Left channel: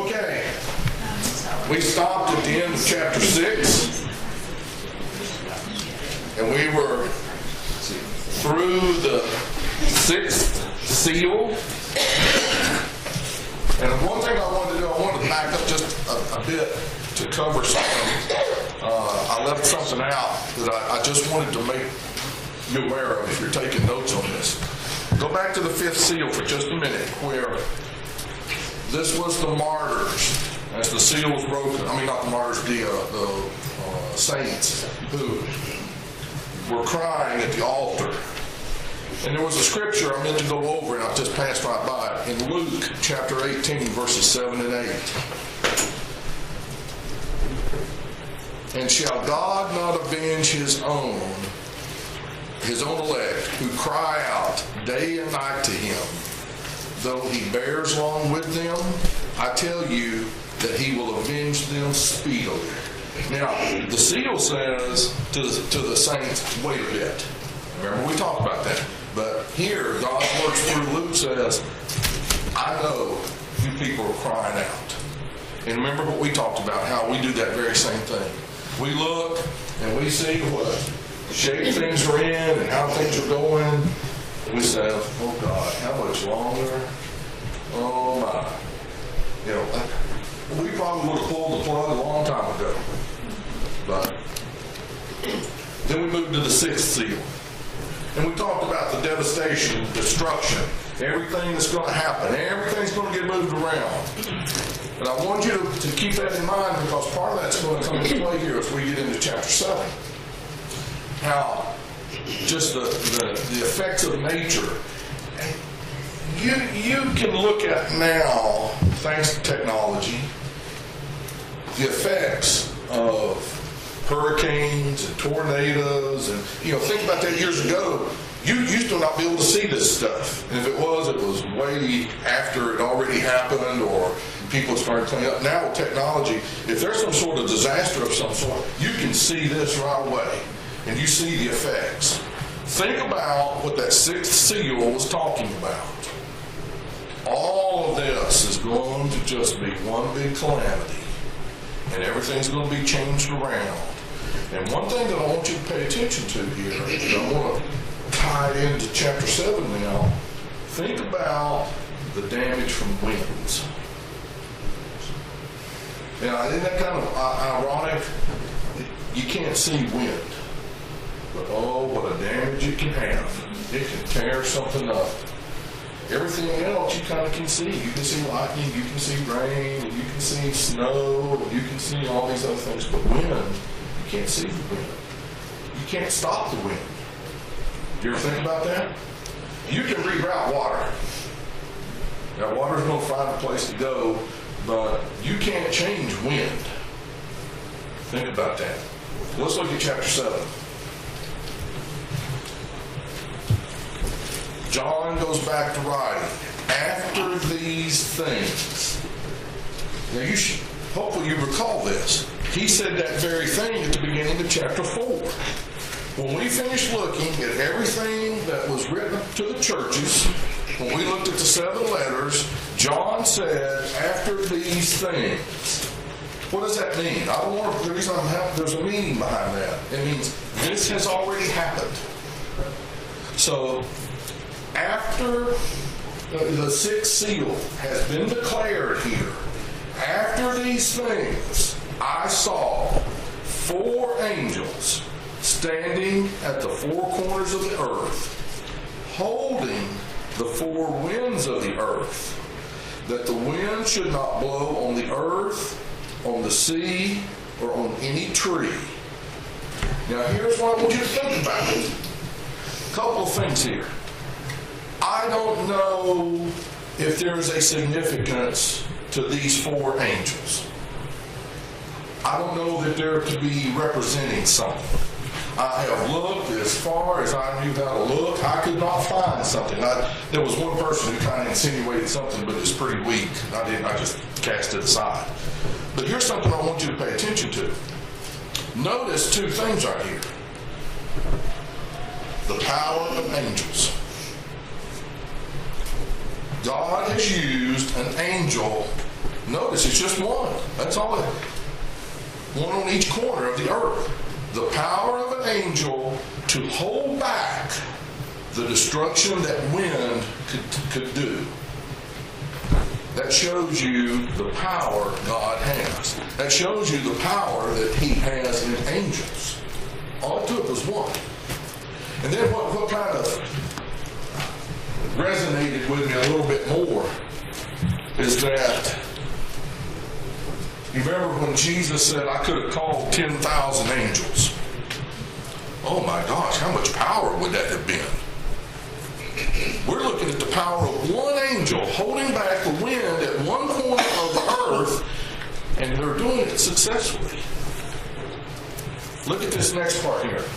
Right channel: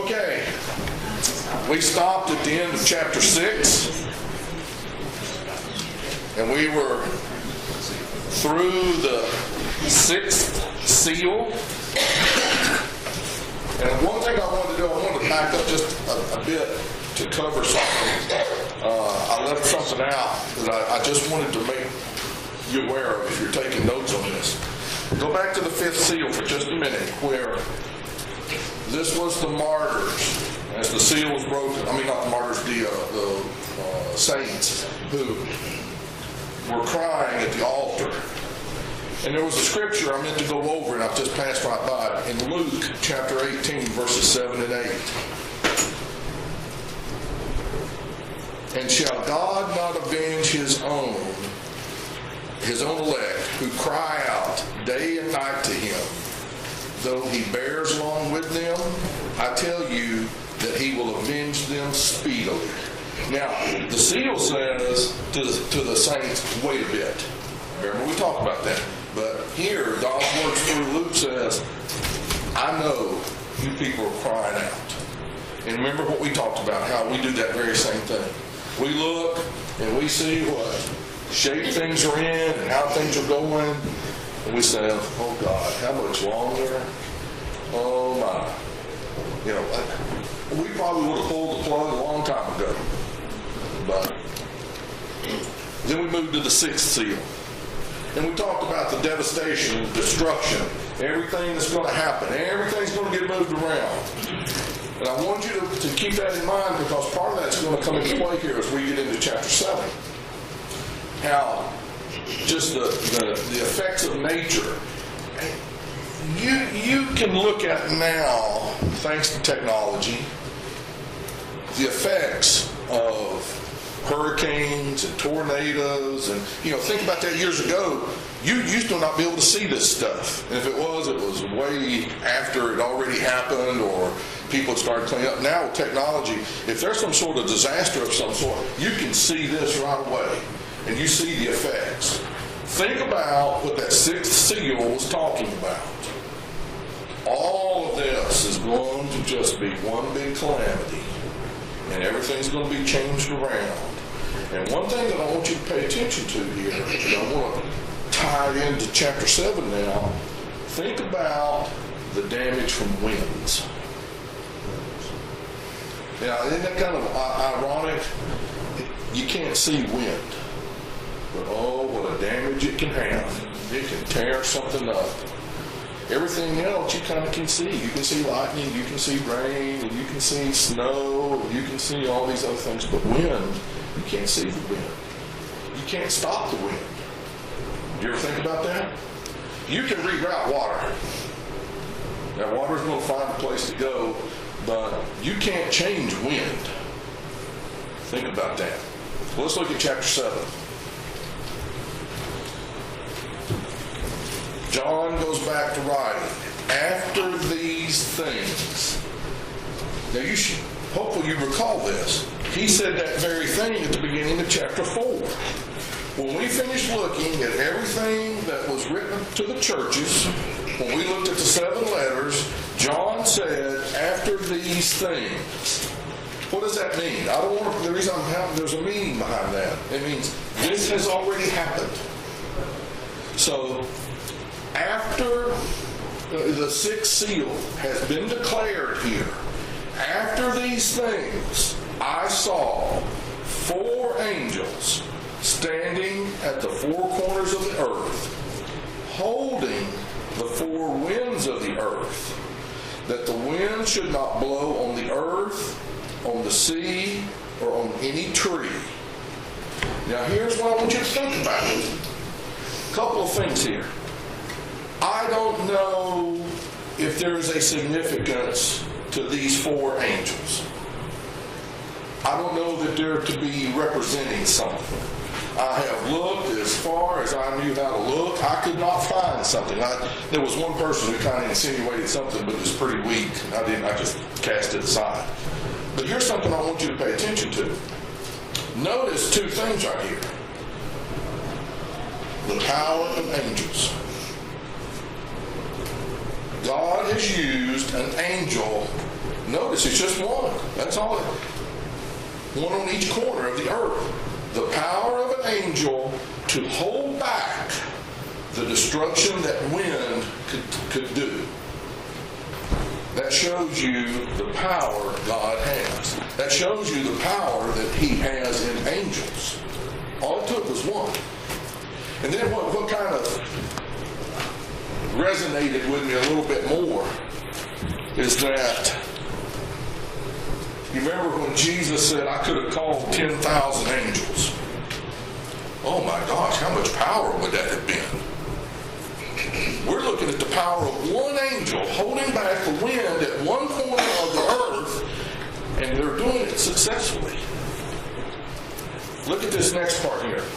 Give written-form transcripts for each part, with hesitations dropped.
Okay, we stopped at the end of chapter 6, and we were through the 6th seal. And one thing I wanted to do, I wanted to back up just a bit to cover something. I left something out that I just wanted to make you aware of if you're taking notes on this. Go back to the 5th seal for just a minute, where this was the martyrs as the seal was broken. I mean, not the martyrs, the saints who were crying at the altar. And there was a scripture I meant to go over, and I just passed right by it, in Luke chapter 18, verses 7 and 8. And shall God not avenge his own elect, who cry out day and night to him, though he bears along with them? I tell you that he will avenge them speedily. Now, the seal says to the saints, wait a bit. Remember, we talked about that. But here, God's word through Luke says, I know you people are crying out. And remember what we talked about, how we do that very same thing. We look and we see what shape things are in and how things are going. And we say, oh God, how much longer? Oh my. You know, we probably would have pulled the plug a long time ago. But then we moved to the 6th seal. And we talked about the devastation and the destruction, everything that's going to happen. Everything's going to get moved around. And I want you to keep that in mind, because part of that's going to come into play here as we get into chapter 7. How just the effects of nature. You can look at now, thanks to technology, the effects of hurricanes and tornadoes, and think about that years ago. You used to not be able to see this stuff, and if it was way after it already happened, or people started cleaning up. Now with technology, if there's some sort of disaster of some sort, you can see this right away, and you see the effects. Think about what that 6th seal was talking about. All of this is going to just be one big calamity, and everything's going to be changed around. And one thing that I want you to pay attention to here, and I want to tie it into chapter 7 now, think about the damage from winds. Now, isn't that kind of ironic? You can't see wind, but oh, what a damage it can have. It can tear something up. Everything else you kind of can see. You can see lightning, you can see rain, and you can see snow, you can see all these other things. But wind, you can't see the wind. You can't stop the wind. Do you ever think about that? You can reroute water. Now, water's going to find a place to go, but you can't change wind. Think about that. Well, let's look at chapter 7. John goes back to writing, after these things. Now hopefully you recall this. He said that very thing at the beginning of chapter 4. When we finished looking at everything that was written to the churches, when we looked at the 7 letters, John said, after these things. What does that mean? The reason there's a meaning behind that. It means this has already happened. So, after the 6th seal has been declared here, after these things, I saw 4 angels standing at the 4 corners of the earth, holding the 4 winds of the earth, that the wind should not blow on the earth, on the sea, or on any tree. Now here's what I want you to think about. A couple of things here. I don't know if there is a significance to these 4 angels. I don't know that they're to be representing something. I have looked as far as I knew how to look. I could not find something. There was one person who kind of insinuated something, but it's pretty weak. I just cast it aside. But here's something I want you to pay attention to. Notice 2 things right here. The power of angels. God has used an angel Notice, it's just one. That's all. One on each corner of the earth. The power of an angel to hold back the destruction that wind could do. That shows you the power God has. That shows you the power that He has in angels. All it took was one. And then what kind of resonated with me a little bit more is that, you remember when Jesus said, I could have called 10,000 angels. Oh my gosh, how much power would that have been? We're looking at the power of one angel holding back the wind at one corner of the earth, and they're doing it successfully. Look at this next part here.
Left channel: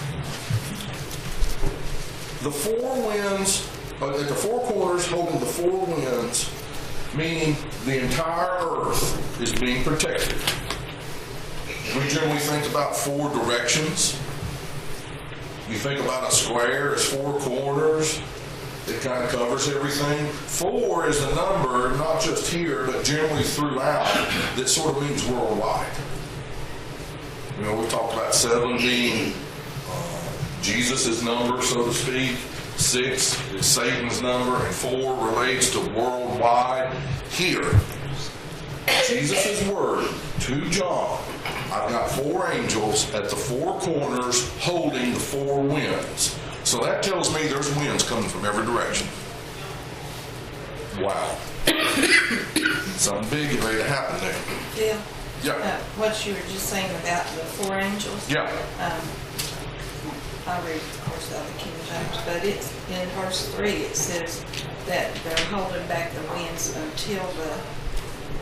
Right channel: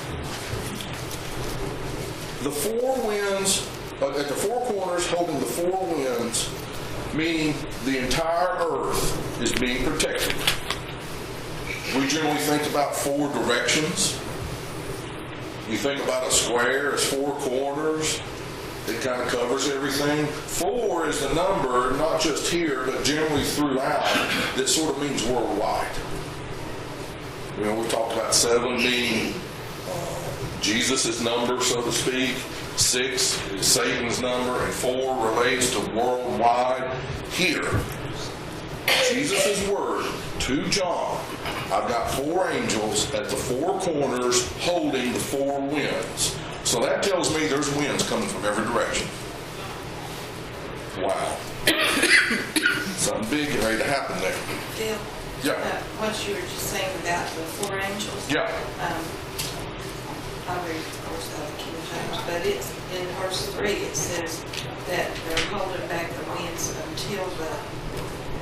The four winds, at the four corners holding the four winds, meaning the entire earth is being protected. We generally think about four directions. You think about a square as four corners. It kind of covers everything. 4 is the number, not just here, but generally throughout, that sort of means worldwide. You know, we talked about 7 being Jesus' number, so to speak. 6 is Satan's number, and 4 relates to worldwide. Here, Jesus' word to John, I've got 4 angels at the 4 corners holding the 4 winds. So that tells me there's winds coming from every direction. Wow. Something big getting ready to happen there. Bill, Yeah. what you were just saying about the 4 angels. Yeah. I'll read this King James, but it's in verse 3. It says that they're holding back the winds until the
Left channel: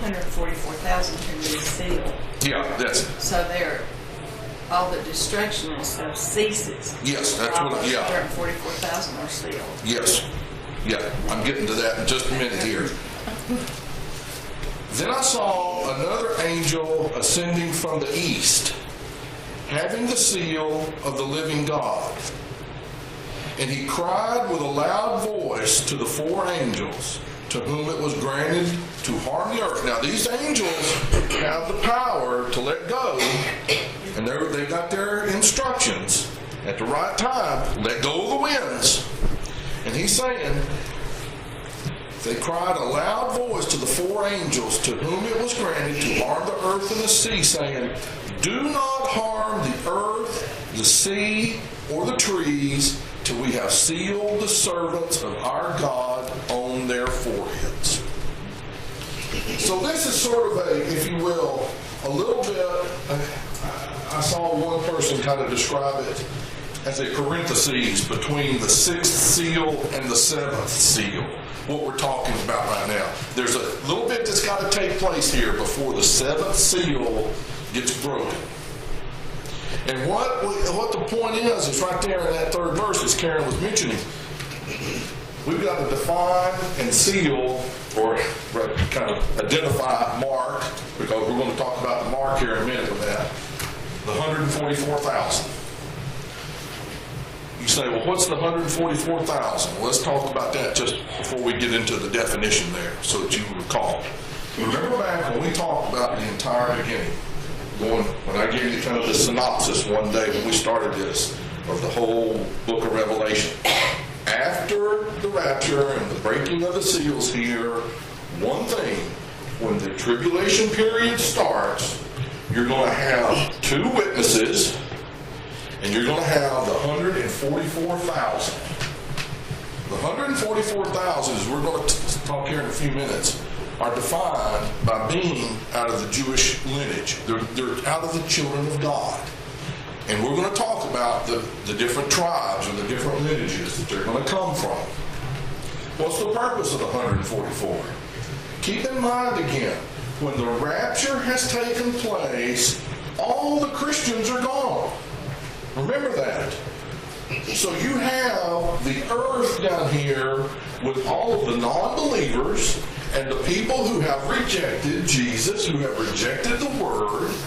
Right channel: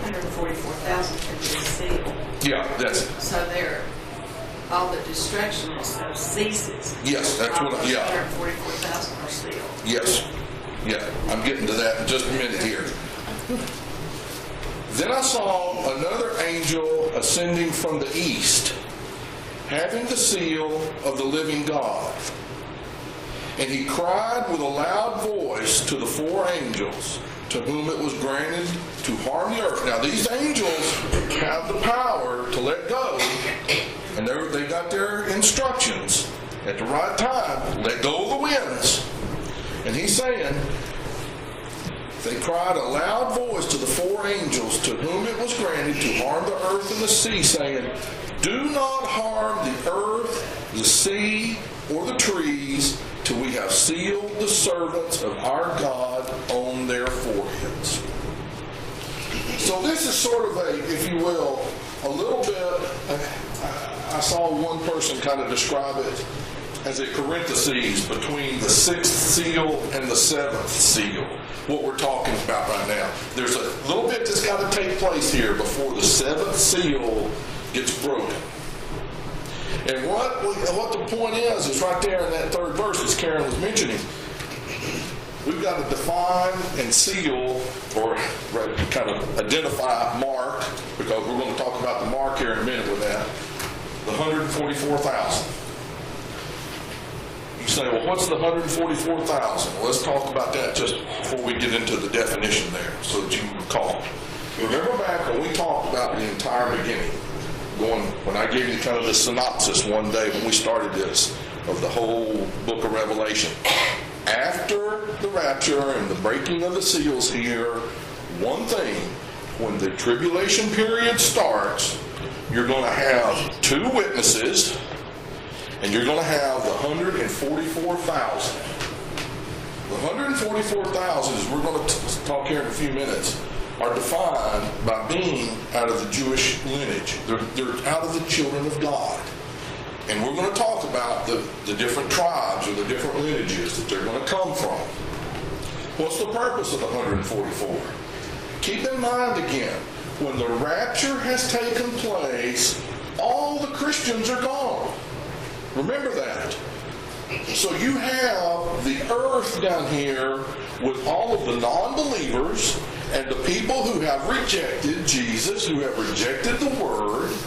144,000 can be sealed. Yeah, that's it. So all the destruction and stuff ceases. Yes, that's what. Yeah. 144,000 are sealed. Yes. Yeah, I'm getting to that in just a minute here. Then I saw another angel ascending from the east, having the seal of the living God. And he cried with a loud voice to the 4 angels, to whom it was granted to harm the earth. Now these angels have the power to let go, and they got their instructions at the right time. Let go of the winds. And he's saying, they cried a loud voice to the 4 angels, to whom it was granted to harm the earth and the sea, saying, do not harm the earth, the sea, or the trees, till we have sealed the servants of our God on their foreheads. So this is sort of a, if you will, a little bit, I saw one person kind of describe it as a parenthesis between the 6th seal and the 7th seal, what we're talking about right now. There's a little bit that's got to take place here before the 7th seal gets broken. And what the point is right there in that 3rd verse, as Karen was mentioning. We've got to define and seal, or kind of identify, mark, because we're going to talk about the mark here in a minute with that, the 144,000. You say, well, what's the 144,000? Well, let's talk about that just before we get into the definition there, so that you recall. Remember back when we talked about the entire beginning, when I gave you kind of the synopsis one day when we started this, of the whole book of Revelation. After the rapture and the breaking of the seals here, one thing, when the tribulation period starts, you're going to have 2 witnesses, and you're going to have the 144,000. The 144,000, as we're going to talk here in a few minutes, are defined by being out of the Jewish lineage. They're out of the children of God. And we're going to talk about the different tribes or the different lineages that they're going to come from. What's the purpose of the 144? Keep in mind again, when the rapture has taken place, all the Christians are gone. Remember that. So you have the earth down here with all of the non-believers and the people who have rejected Jesus, who have rejected the Word.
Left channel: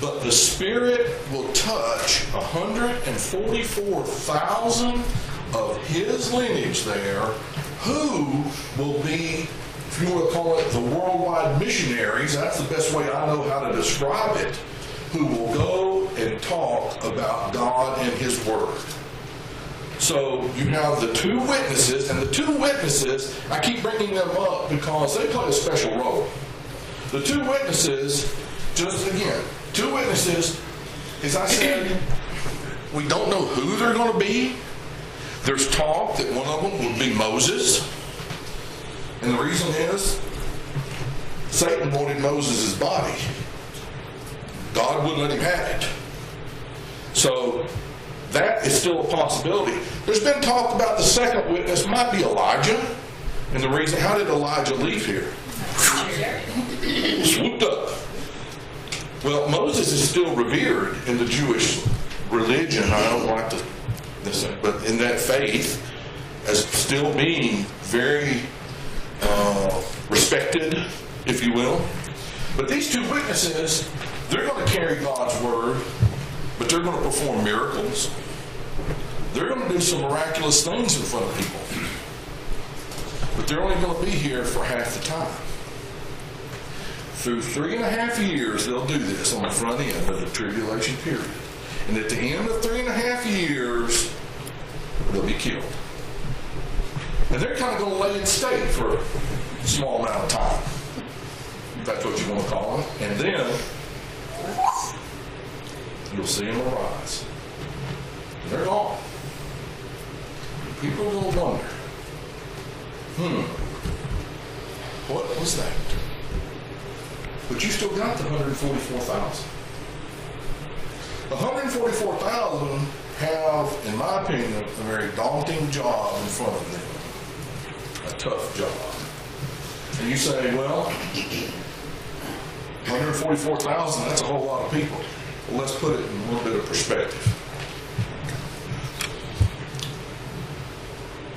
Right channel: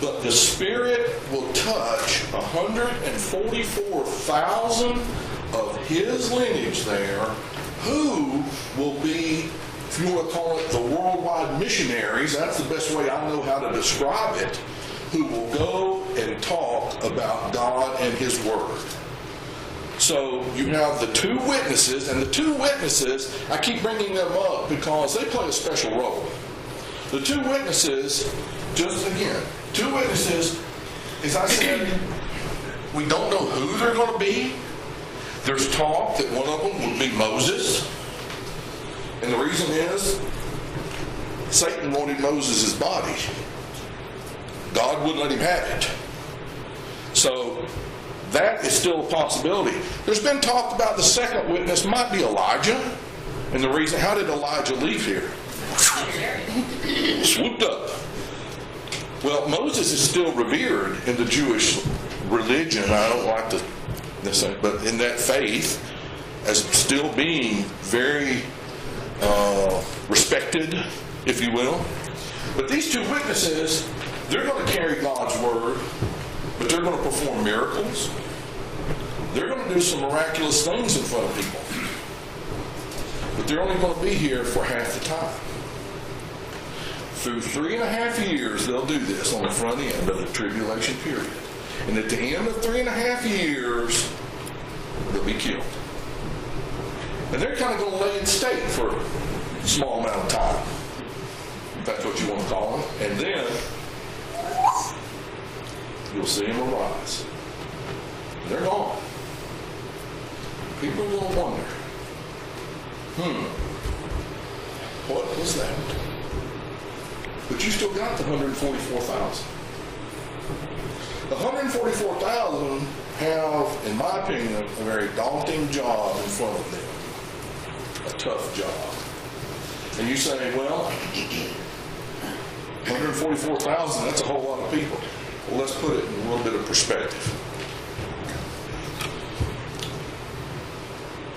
but the Spirit will touch 144,000 of his lineage there, who will be, if you want to call it the worldwide missionaries, that's the best way I know how to describe it, who will go and talk about God and his Word. So you have the two witnesses, and the two witnesses, I keep bringing them up because they play a special role. The two witnesses, just again, two witnesses, as I said, we don't know who they're going to be. There's talk that one of them would be Moses. And the reason is, Satan wanted Moses' body. God wouldn't let him have it. So, that is still a possibility. There's been talk about the second witness might be Elijah. And the reason, how did Elijah leave here? Swooped up. Well, Moses is still revered in the Jewish religion. I don't like to, but in that faith, as still being very respected, if you will. But these two witnesses, they're going to carry God's word, but they're going to perform miracles. They're going to do some miraculous things in front of people. But they're only going to be here for half the time. Through 3.5 years, they'll do this on the front end of the tribulation period. And at the end of 3.5 years, they'll be killed. And they're kind of going to lay in state for a small amount of time, if that's what you want to call them. And then, you'll see them arise. And they're gone. And people are going to wonder, what was that? But you still got the 144,000. The 144,000 have, in my opinion, a very daunting job in front of them. A tough job. And you say, well, 144,000, that's a whole lot of people. Well, let's put it in a little bit of perspective.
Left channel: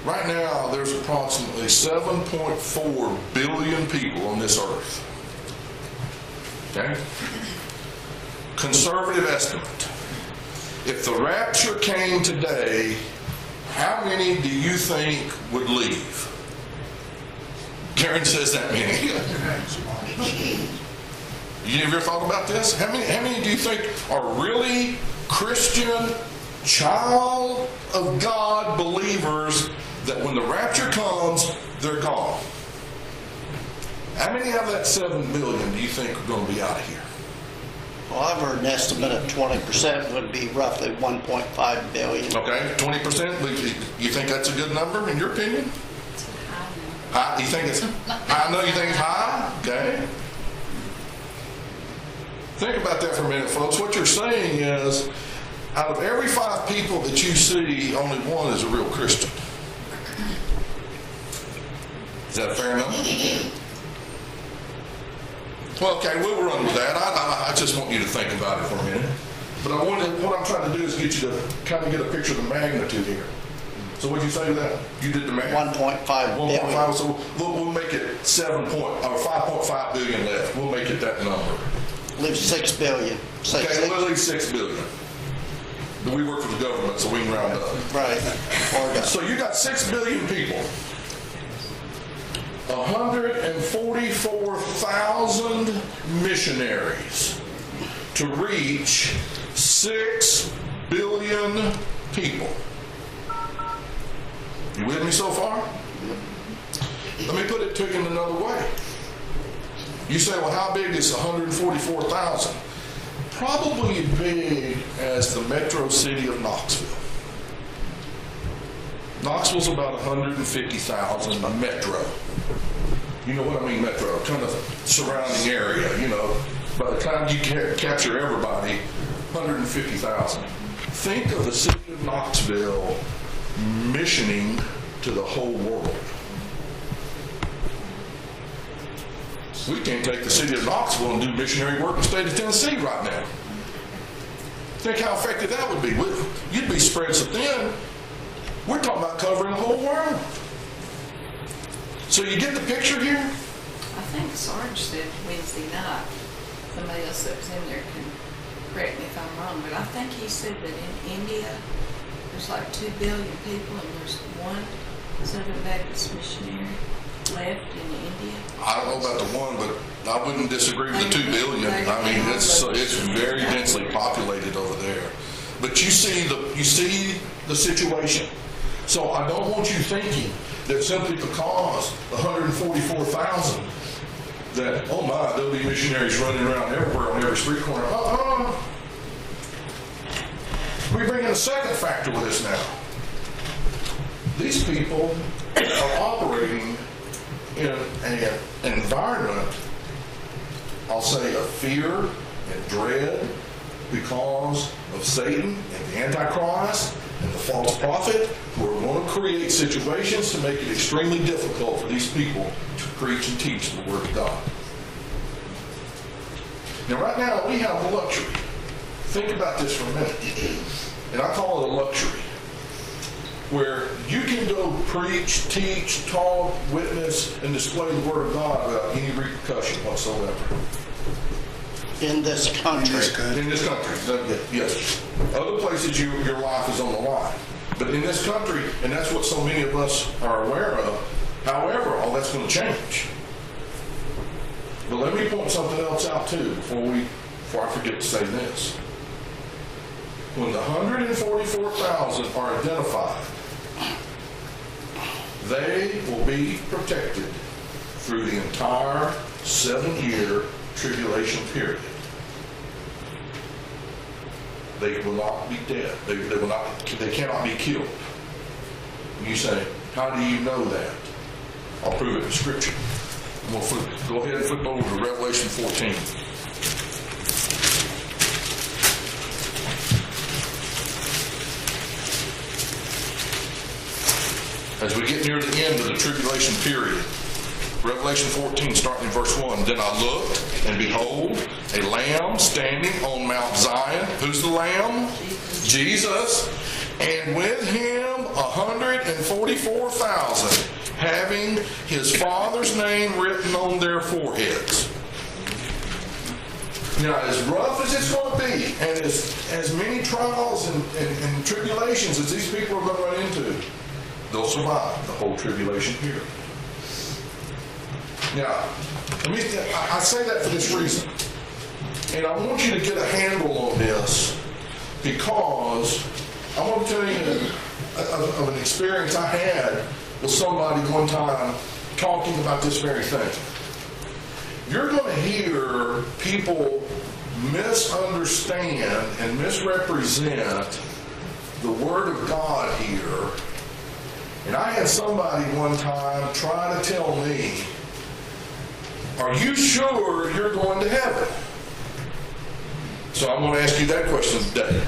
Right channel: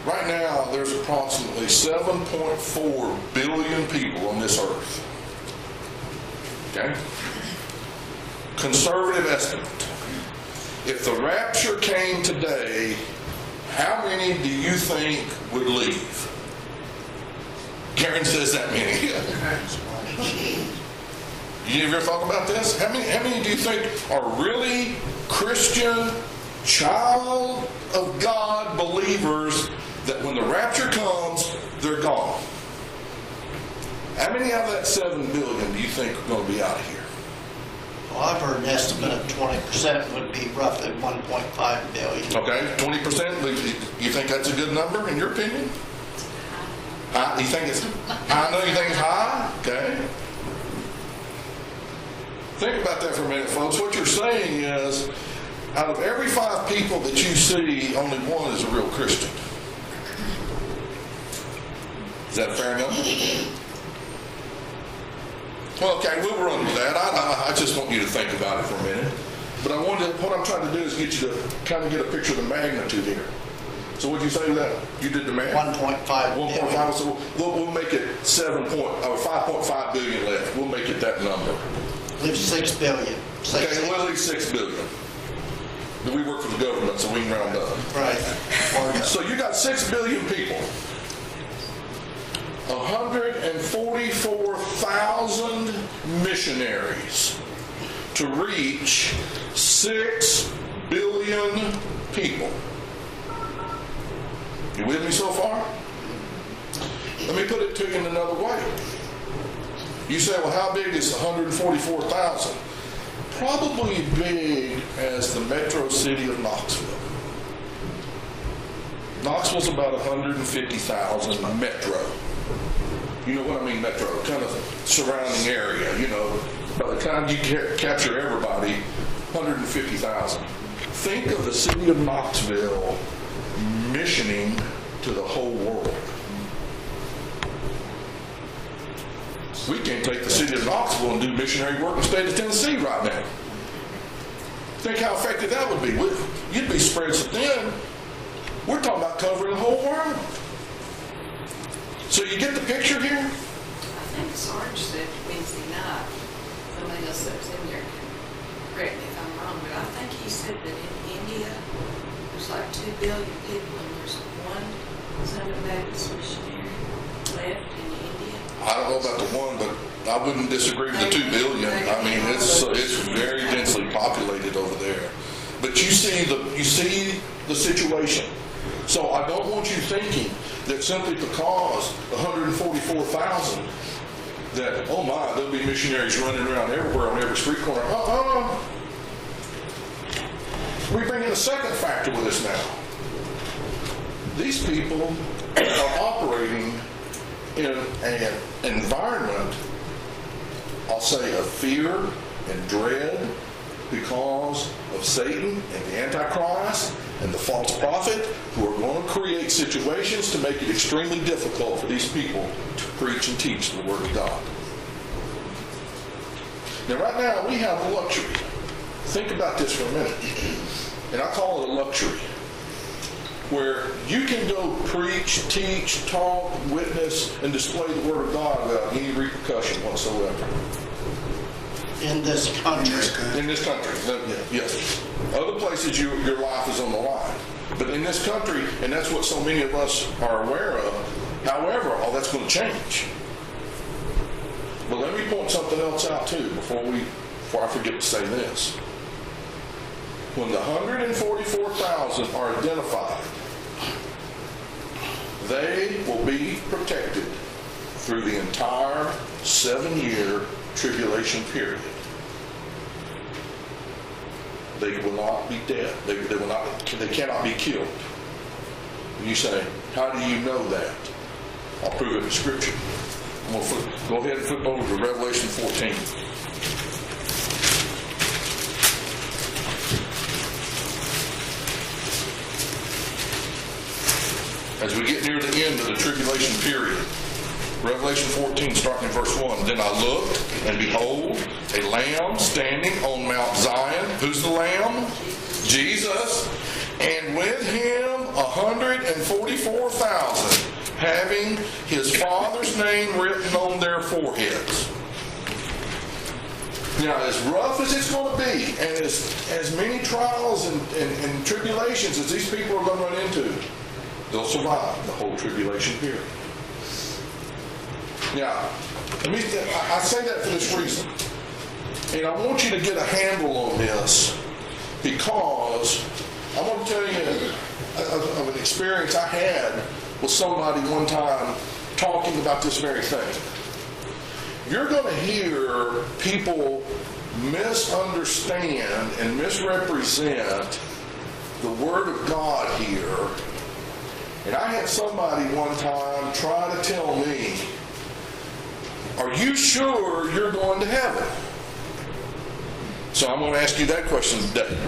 Right now, there's approximately 7.4 billion people on this earth. Okay? Conservative estimate. If the rapture came today, how many do you think would leave? Karen says that many. You ever thought about this? How many do you think are really Christian, child of God believers that when the rapture comes, they're gone? How many out of that 7 billion do you think are going to be out here? Well, I heard an estimate of 20% would be roughly 1.5 billion. Okay, 20%. You think that's a good number in your opinion? You think it's high? No, you think it's high? Okay. Think about that for a minute, folks. What you're saying is, out of every 5 people that you see, only one is a real Christian. Is that a fair number? Well, okay, we'll run with that. I just want you to think about it for a minute. But what I'm trying to do is get you to kind of get a picture of the magnitude here. So what'd you say with that? You did the math? 1.5. 1.5. So we'll make it 5.5 billion left. We'll make it that number. 6 billion. Okay, we'll leave 6 billion. We work for the government, so we can round up. Right. So you got 6 billion people. 144,000 missionaries to reach 6 billion people. You with me so far? Let me put it to you in another way. You say, well, how big is 144,000? Probably as big as the metro city of Knoxville. Knoxville's about 150,000 metro. You know what I mean, metro, kind of surrounding area, you know. By the time you capture everybody, 150,000. Think of the city of Knoxville missioning to the whole world. We can't take the city of Knoxville and do missionary work in the state of Tennessee right now. Think how effective that would be. You'd be spread so thin. We're talking about covering the whole world. So you get the picture here? I think Sarge said Wednesday night. Somebody else that's in there. correct me if I'm wrong, but I think he said that in India, there's like 2 billion people, and there's one Southern Baptist mission left in India. I don't know about the one, but I wouldn't disagree with the 2 billion. I mean, it's very densely populated over there. But you see the situation. So I don't want you thinking that simply because 144,000 that, oh my, there'll be missionaries running around everywhere on every street corner. We bring in a second factor with this now. These people are operating in an environment, I'll say, of fear and dread because of Satan and the Antichrist and the false prophet, who are going to create situations to make it extremely difficult for these people to preach and teach the Word of God. Now, right now, we have the luxury. Think about this for a minute. And I call it a luxury, where you can go preach, teach, talk, witness, and display the Word of God without any repercussion whatsoever. In this country. In this country, yes. Other places, your life is on the line. But in this country, and that's what so many of us are aware of, however, all that's going to change. But let me point something else out too, before I forget to say this. When the 144,000 are identified, they will be protected through the entire 7-year tribulation period. They will not be dead. They cannot be killed. And you say, how do you know that? I'll prove it in Scripture. Go ahead and flip over to Revelation 14. As we get near the end of the tribulation period, Revelation 14, starting in verse 1, then I looked, and behold, a lamb standing on Mount Zion. Who's the lamb? Jesus. And with him 144,000, having his Father's name written on their foreheads. Now, as rough as it's going to be, and as many trials and tribulations as these people are going to run into, they'll survive the whole tribulation period. Now, I say that for this reason. And I want you to get a handle on this, because I'm going to tell you of an experience I had with somebody one time talking about this very thing. You're going to hear people misunderstand and misrepresent the Word of God here. And I had somebody one time try to tell me, are you sure you're going to heaven? So I'm going to ask you that question today.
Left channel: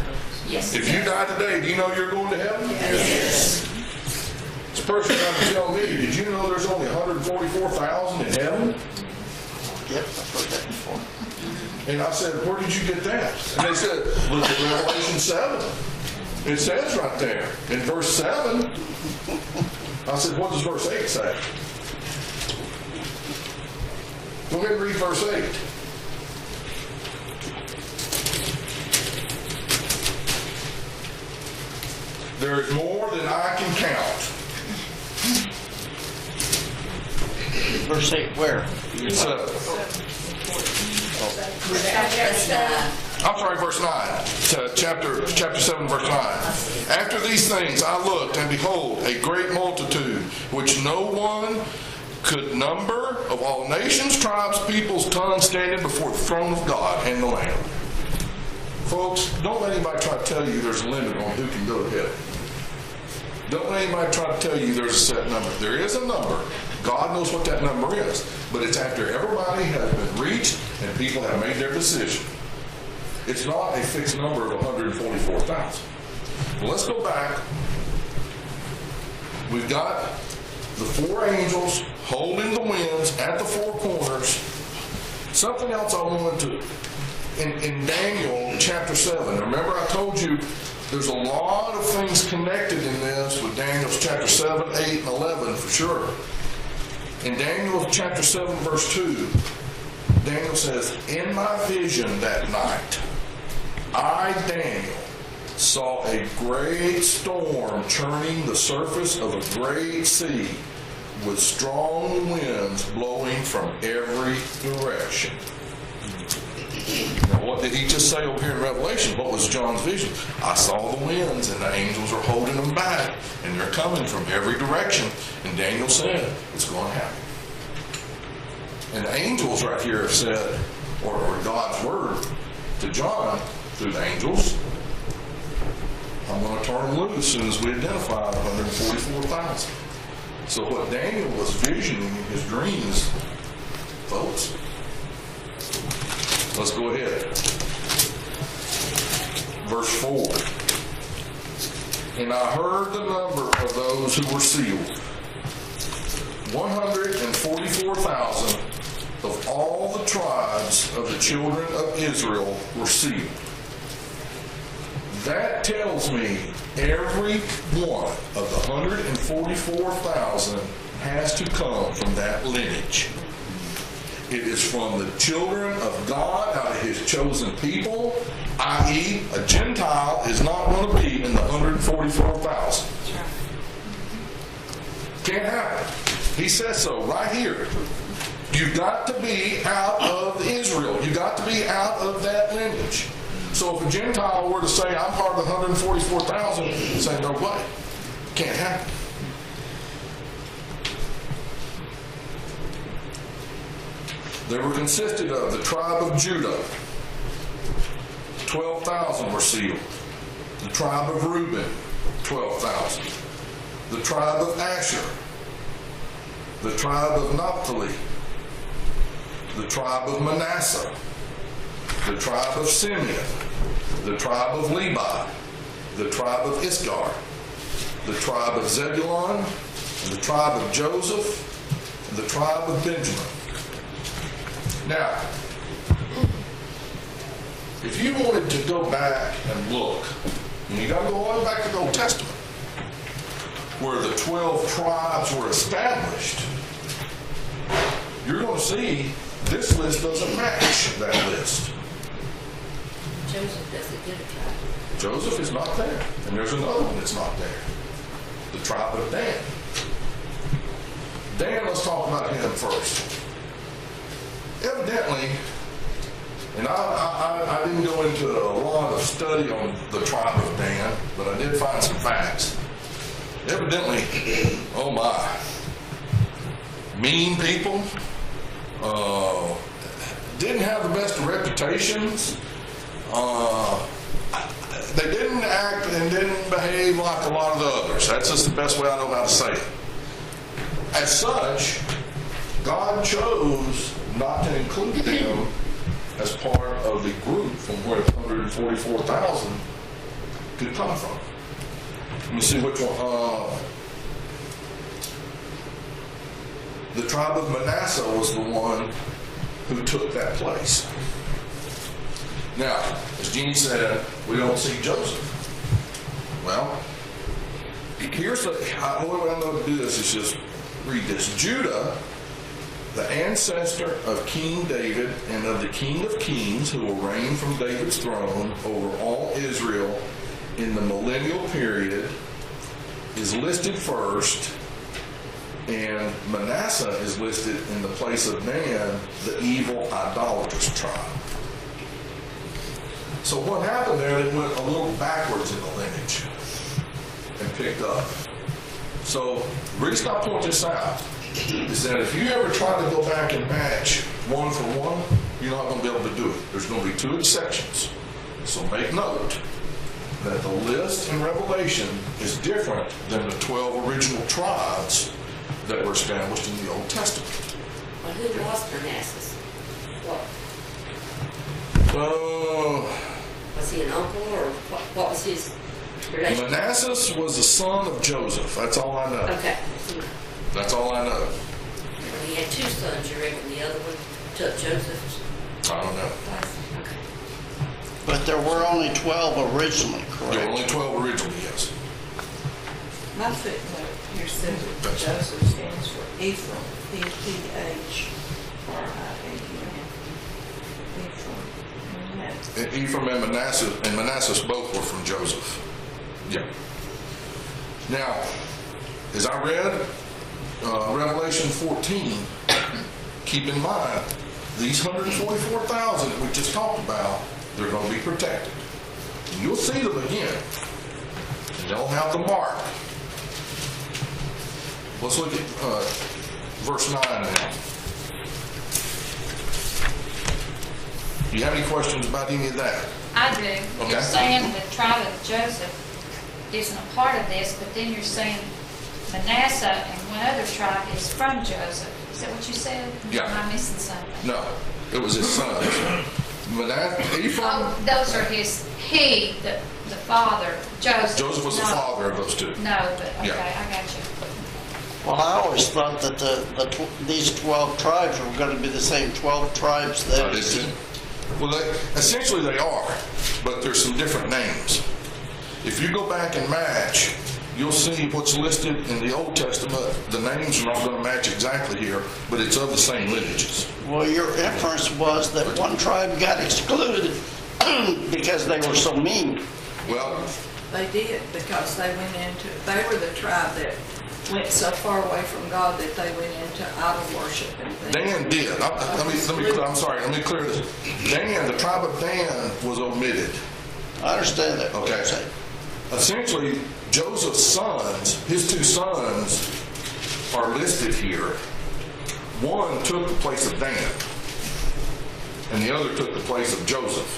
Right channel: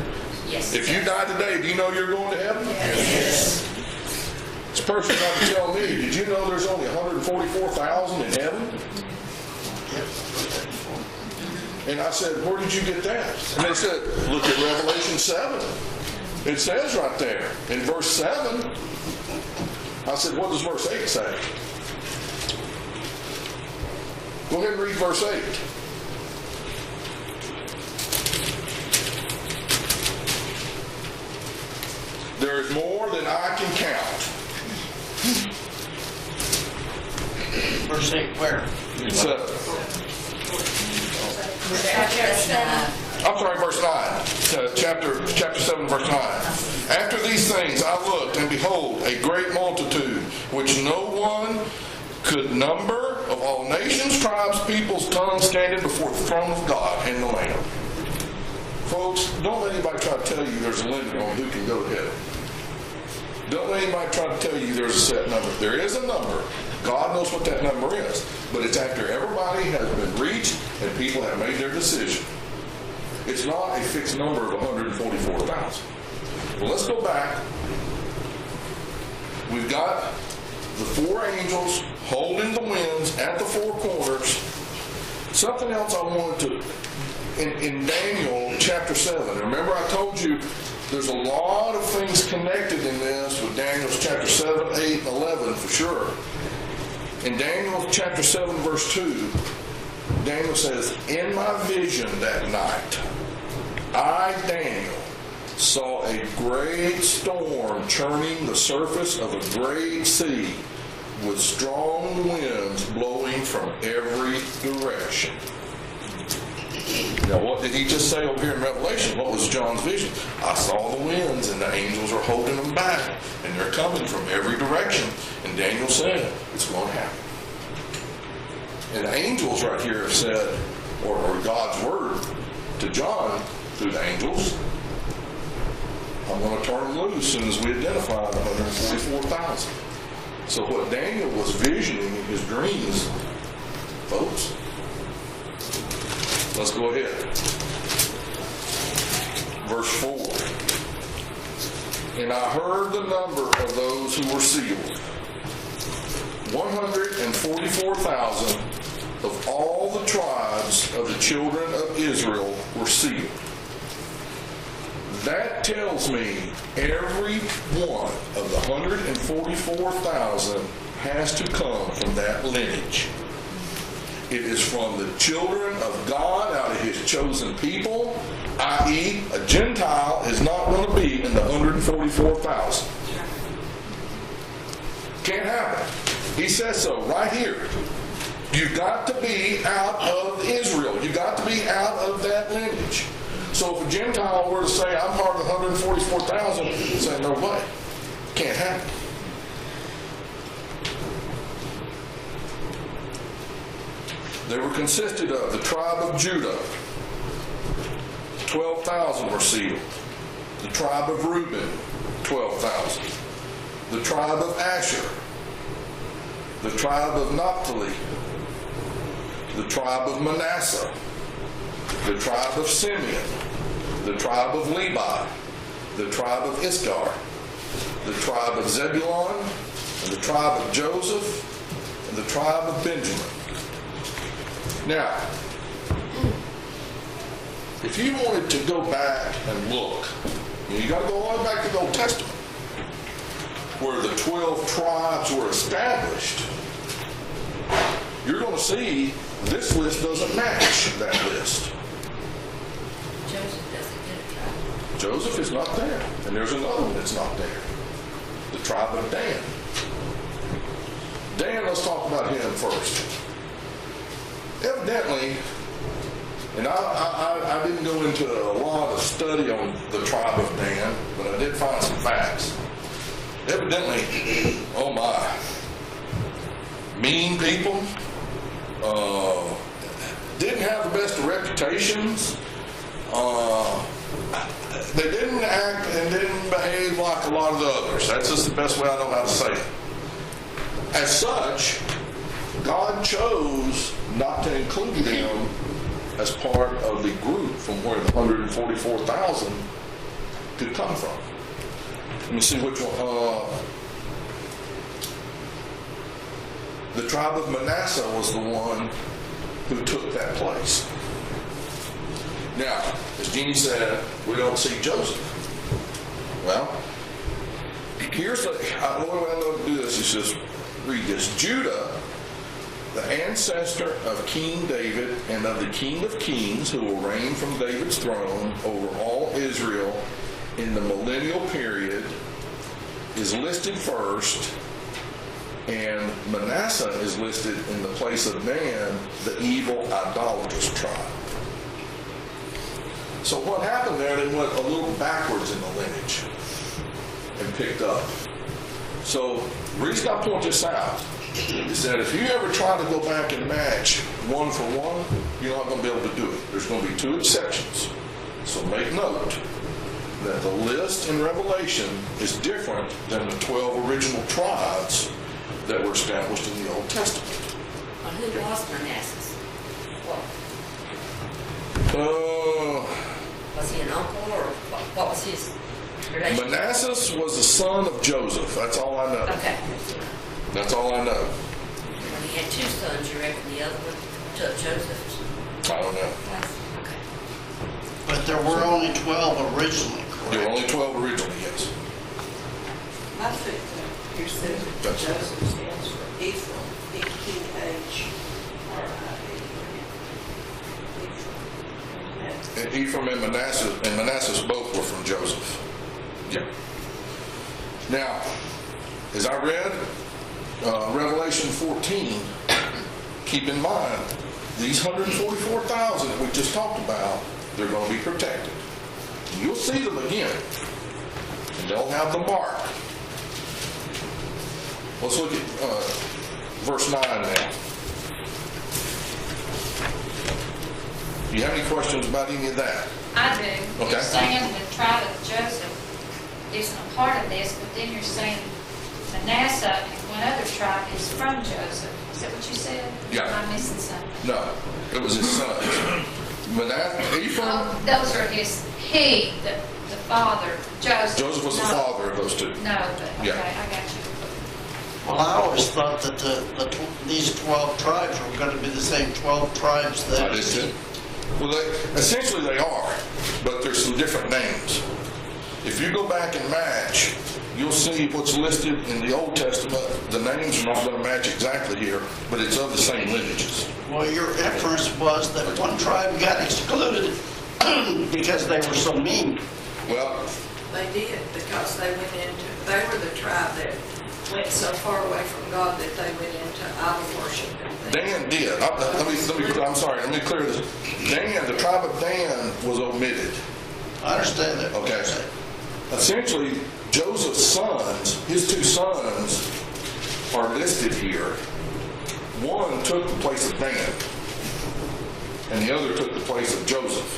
Yes. If you die today, do you know you're going to heaven? Yes. This person tried to tell me, did you know there's only 144,000 in heaven? And I said, where did you get that? And they said, look at Revelation 7. It says right there, in verse 7, I said, what does verse 8 say? Go ahead and read verse 8. There is more than I can count. Verse 8 where? 7. I'm sorry, verse 9. Chapter 7, verse 9. After these things I looked, and behold, a great multitude, which no one could number, of all nations, tribes, peoples, tongues, standing before the throne of God and the Lamb. Folks, don't let anybody try to tell you there's a limit on who can go to heaven. Don't let anybody try to tell you there's a set number. There is a number. God knows what that number is. But it's after everybody has been reached and people have made their decision. It's not a fixed number of 144,000. Well, let's go back. We've got the 4 angels holding the winds at the 4 corners. Something else I wanted to, in Daniel chapter 7, remember I told you there's a lot of things connected in this with Daniel chapter 7, 8, and 11 for sure. In Daniel chapter 7, verse 2, Daniel says, in my vision that night, I, Daniel, saw a great storm churning the surface of a great sea, with strong winds blowing from every direction. Now, what did he just say over here in Revelation? What was John's vision? I saw the winds, and the angels are holding them back, and they're coming from every direction. And Daniel said, it's going to happen. And the angels right here have said, or God's word to John through the angels, I'm going to turn them loose as soon as we identify the 144,000. So what Daniel was visioning in his dream is, folks, let's go ahead. Verse 4. And I heard the number of those who were sealed. 144,000 of all the tribes of the children of Israel were sealed. That tells me every one of the 144,000 has to come from that lineage. It is from the children of God out of his chosen people, i.e., a Gentile is not going to be in the 144,000. Can't happen. He says so right here. You've got to be out of Israel. You've got to be out of that lineage. So if a Gentile were to say, I'm part of the 144,000, you'd say, no way. Can't happen. They were consisted of the tribe of Judah. 12,000 were sealed. The tribe of Reuben, 12,000. The tribe of Asher. The tribe of Naphtali. The tribe of Manasseh. The tribe of Simeon. The tribe of Levi. The tribe of Issachar. The tribe of Zebulun. And the tribe of Joseph. And the tribe of Benjamin. Now, if you wanted to go back and look, you got to go all the way back to the Old Testament, where the 12 tribes were established, you're going to see this list doesn't match that list. Joseph doesn't get a tribe. Joseph is not there, and there's another one that's not there. The tribe of Dan. Dan, let's talk about him first. Evidently, and I didn't go into a lot of study on the tribe of Dan, but I did find some facts. Evidently, oh my, mean people, didn't have the best of reputations. They didn't act and didn't behave like a lot of the others. That's just the best way I know how to say it. As such, God chose not to include them as part of the group from where the 144,000 could come from. Let me see which one. The tribe of Manasseh was the one who took that place. Now, as Jeannie said, we don't see Joseph. Well, here's the way I'm going to do this is just read this. Judah, the ancestor of King David and of the King of Kings, who will reign from David's throne over all Israel in the millennial period, is listed first, and Manasseh is listed in the place of Dan, the evil idolatrous tribe. So what happened there, they went a little backwards in the lineage and picked up. So the reason I point this out is that if you ever try to go back and match one for one, you're not going to be able to do it. There's going to be two exceptions. So make note that the list in Revelation is different than the 12 original tribes that were established in the Old Testament. Well, who was Manasseh? Was he an uncle, or what was his relation? Manasseh was the son of Joseph. That's all I know. Okay. That's all I know. Well, he had two sons, you reckon the other one took Joseph? I don't know. Okay. But there were only 12 originally, correct? There were only 12 originally, yes. My footnote here said that That's right. Joseph stands for Ephraim, E-P-H-R-I-A-M. Ephraim and Manasseh both were from Joseph. Yeah. Now, as I read Revelation 14, keep in mind, these 144,000 that we just talked about, they're going to be protected. And you'll see them again. And they'll have the mark. Let's look at verse 9 now. Do you have any questions about any of that? I do. Okay. You're saying the tribe of Joseph isn't a part of this, but then you're saying Manasseh and one other tribe is from Joseph. Is that what you said? Yeah. Am I missing something? No, it was his son. Manasseh, Ephraim. Those are the father, Joseph. Joseph was the father of those two. No, but okay, Yeah. I got you. Well, I always thought that these 12 tribes were going to be the same 12 tribes I that... did too. Well, essentially they are, but there's some different names. If you go back and match, you'll see what's listed in the Old Testament. The names are not going to match exactly here, but it's of the same lineages. Well, your inference was that one tribe got excluded because they were so mean. Well, They did, because they were the tribe that went so far away from God that they went into idol worship. Dan did. I'm sorry, let me clear this. Dan, the tribe of Dan was omitted. I understand that. Okay. Essentially, Joseph's sons, his two sons, are listed here. One took the place of Dan, and the other took the place of Joseph.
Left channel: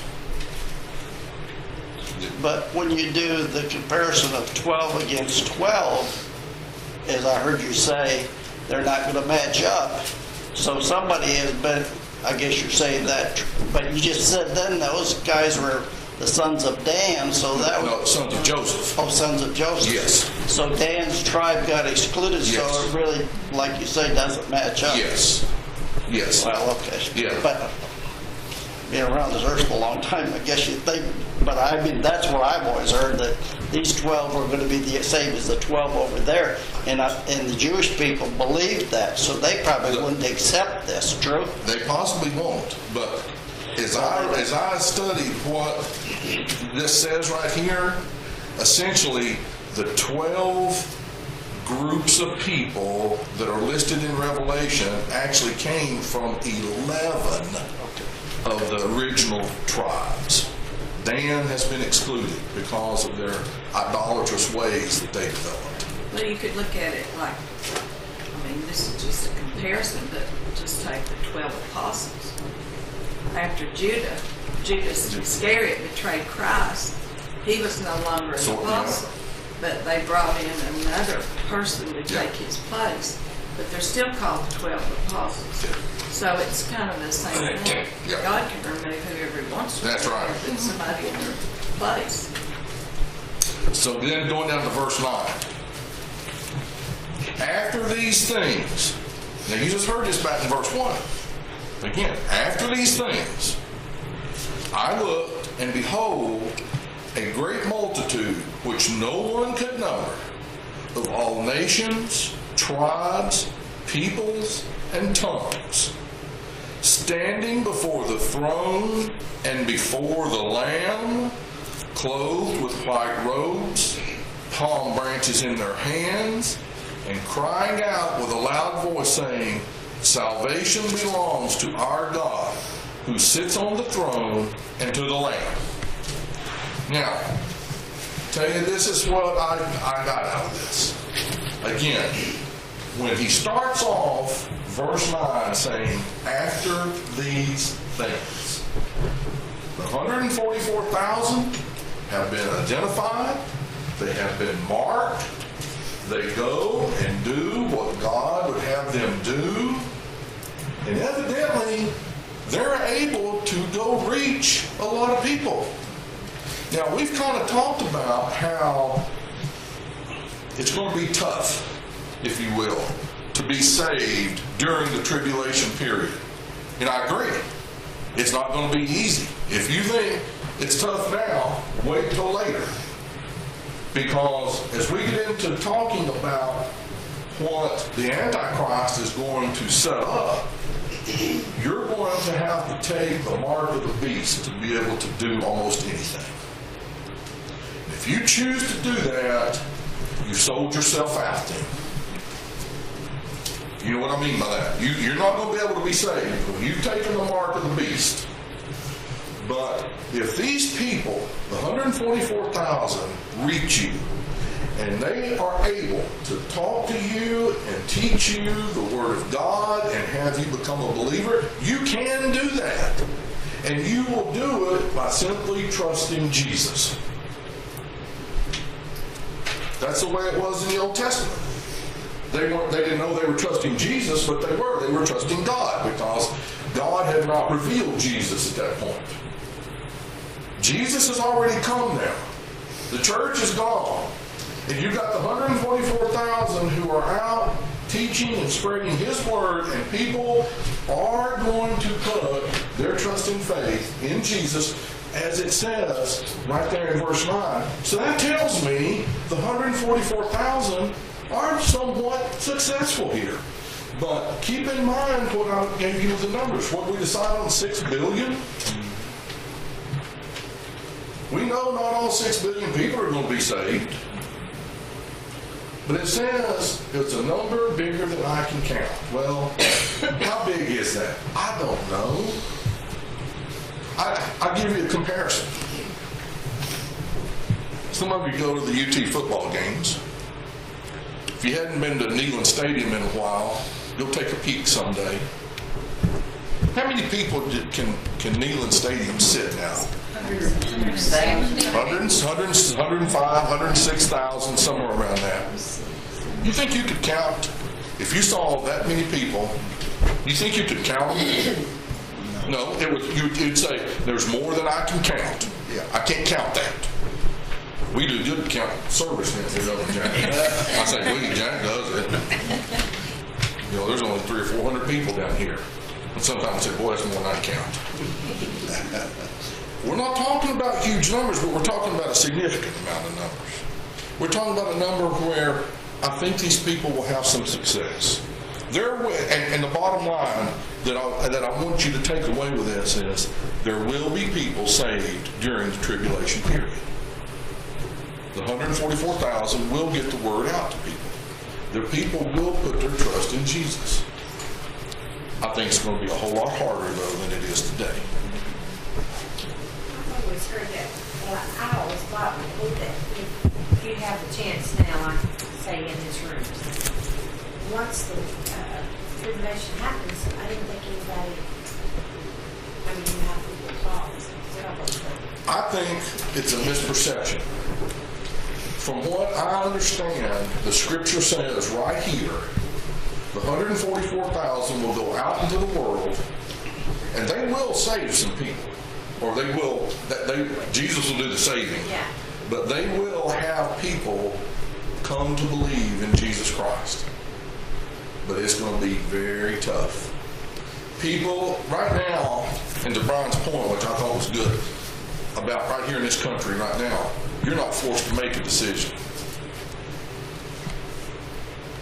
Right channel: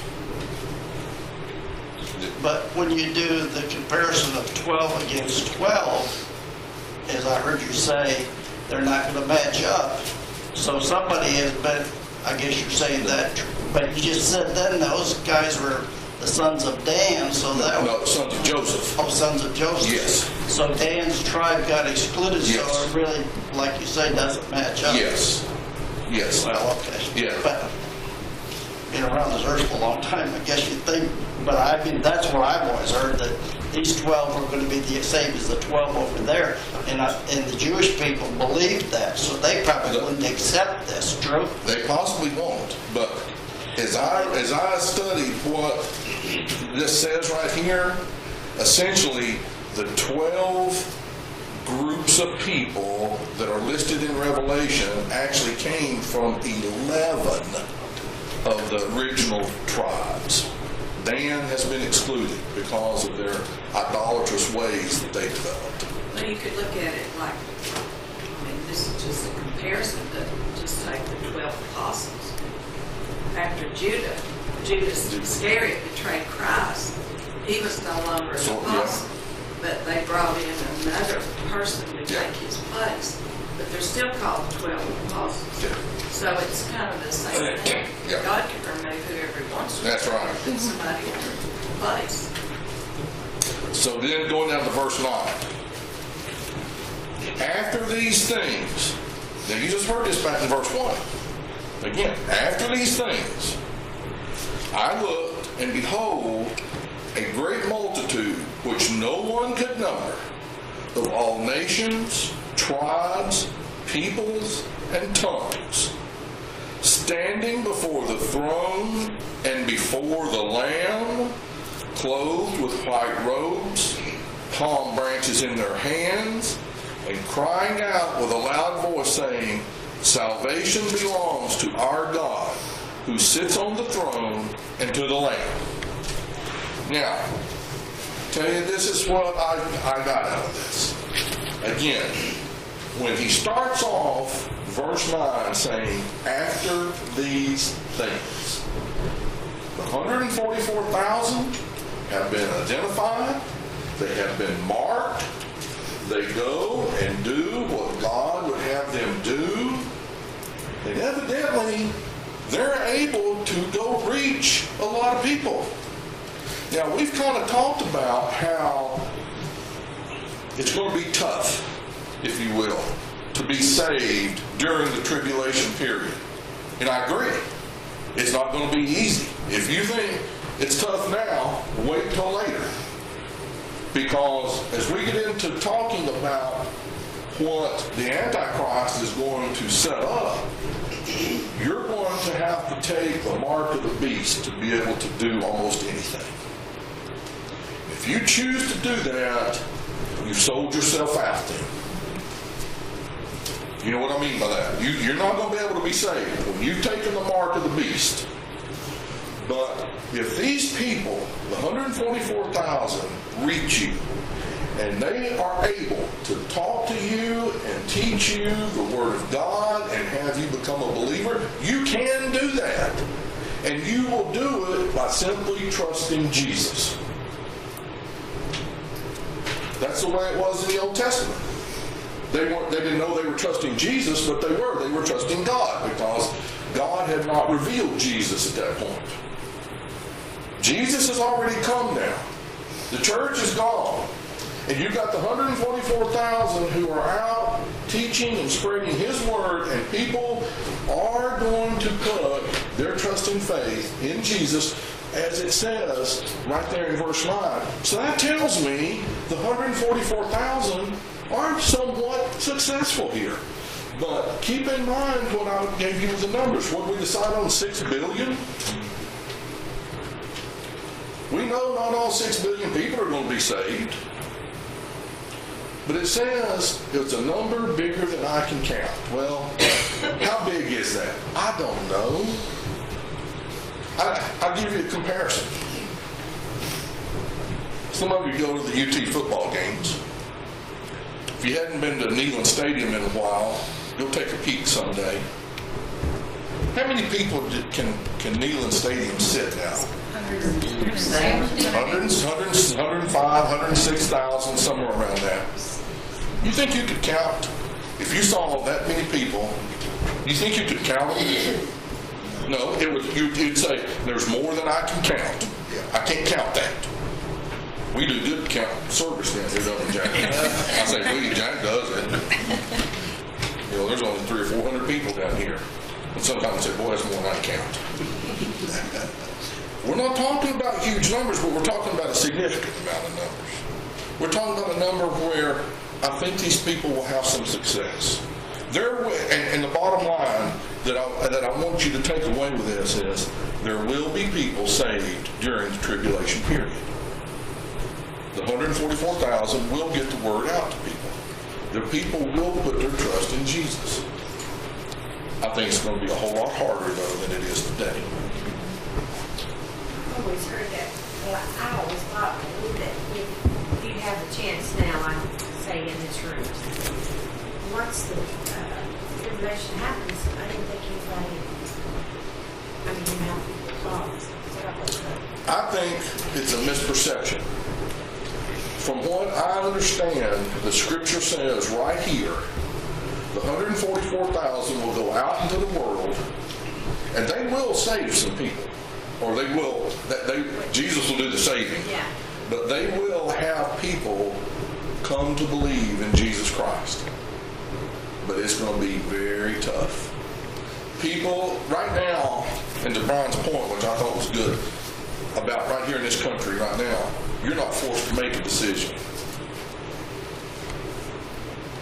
But when you do the comparison of 12 against 12, as I heard you say, they're not going to match up. So somebody has been, I guess you're saying that, but you just said then those guys were the sons of Dan, so that No, sons of Joseph. Oh, sons of Joseph. Yes. So Dan's tribe got excluded, Yes. so it really, like you say, doesn't match up. Yes. Yes. Well, okay. Yeah. But, been around the earth for a long time, I guess you'd think, but I mean, that's what I've always heard, that these 12 were going to be the same as the 12 over there, and the Jewish people believed that, so they probably wouldn't accept this, true? They possibly won't, but as I studied what this says right here, essentially the 12 groups of people that are listed in Revelation actually came from 11 of the original tribes. Dan has been excluded because of their idolatrous ways that they developed. Well, you could look at it like, I mean, this is just a comparison, but just take the 12 apostles. After Judas Iscariot betrayed Christ, he was no longer an apostle. But they brought in another person to take his place. But they're still called 12 apostles. Yeah. So it's kind of the same thing. Yeah. God can remove whoever he wants to. That's right. Put somebody in their place. So then going down to verse 9. After these things, now you just heard this back in verse 1. Again, after these things, I looked, and behold, a great multitude, which no one could number, of all nations, tribes, peoples, and tongues, standing before the throne and before the Lamb, clothed with white robes, palm branches in their hands, and crying out with a loud voice, saying, Salvation belongs to our God, who sits on the throne, and to the Lamb. Now, tell you, this is what I got out of this. Again, when he starts off verse 9 saying, after these things, the 144,000 have been identified, they have been marked, they go and do what God would have them do, and evidently they're able to go reach a lot of people. Now, we've kind of talked about how it's going to be tough, if you will, to be saved during the tribulation period. And I agree. It's not going to be easy. If you think it's tough now, wait till later. Because as we get into talking about what the Antichrist is going to set up, you're going to have to take the mark of the beast to be able to do almost anything. If you choose to do that, you sold yourself out then. You know what I mean by that? You're not going to be able to be saved when you've taken the mark of the beast. But if these people, the 144,000, reach you, and they are able to talk to you and teach you the Word of God and have you become a believer, you can do that. And you will do it by simply trusting Jesus. That's the way it was in the Old Testament. They didn't know they were trusting Jesus, but they were trusting God, because God had not revealed Jesus at that point. Jesus has already come now. The church is gone. And you've got the 144,000 who are out teaching and spreading His Word, and people are going to put their trust and faith in Jesus, as it says right there in verse 9. So that tells me the 144,000 are somewhat successful here. But keep in mind what I gave you the numbers. What did we decide on? 6 billion? We know not all 6 billion people are going to be saved. But it says it's a number bigger than I can count. Well, how big is that? I don't know. I'll give you a comparison. Some of you go to the UT football games. If you hadn't been to Neyland Stadium in a while, go take a peek someday. How many people can Neyland Stadium sit now? 105, 106,000, somewhere around there. You think you could count, if you saw that many people, you think you could count them? No, you'd say, there's more than I can count. I can't count that. We do good count service down here, don't we, Jack? I say we, Jack does it. You know, there's only 300 or 400 people down here. And sometimes we say, boy, that's more than I count. We're not talking about huge numbers, but we're talking about a significant amount of numbers. We're talking about a number where I think these people will have some success. And the bottom line that I want you to take away with this is there will be people saved during the tribulation period. The 144,000 will get the word out to people. The people will put their trust in Jesus. I think it's going to be a whole lot harder, though, than it is today. I've always heard that, but I always thought and believed that if you have the chance now, I'm saying in this room, once the tribulation happens, I didn't think anybody, you know how people talk. I think it's a misperception. From what I understand, the Scripture says right here, the 144,000 will go out into the world, and they will save some people. Or they will, Jesus will do the saving. Yeah. But they will have people come to believe in Jesus Christ. But it's going to be very tough. People, right now, and to Brian's point, which I thought was good, about right here in this country right now, you're not forced to make a decision.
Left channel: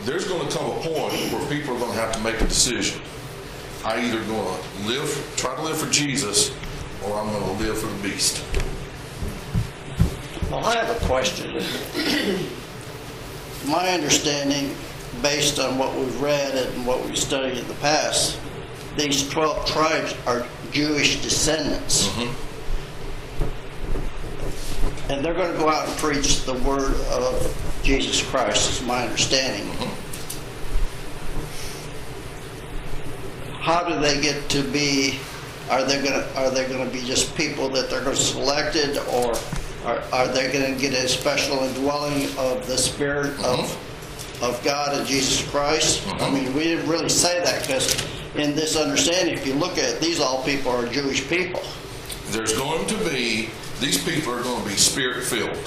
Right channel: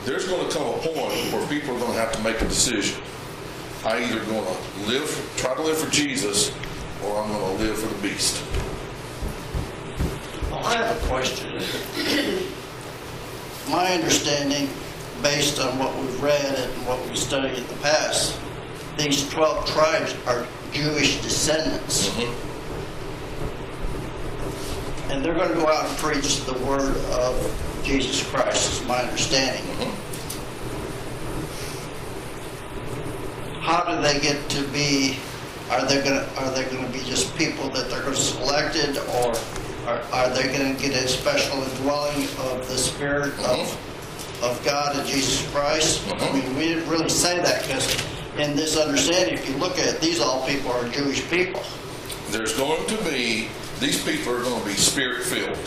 There's going to come a point where people are going to have to make a decision. I'm either going to try to live for Jesus, or I'm going to live for the beast. Well, I have a question. My understanding, based on what we've read and what we've studied in the past, these 12 tribes are Jewish descendants. Mm-hmm. And they're going to go out and preach the word of Jesus Christ, is my understanding. Mm-hmm. How do they get to be? Are they going to be just people that they're going to select it, or are they going to get a special indwelling of the Spirit of God and Jesus Christ? Mm-hmm. I mean, we didn't really say that, because in this understanding, if you look at it, these all people are Jewish people. There's going to be, these people are going to be Spirit-filled.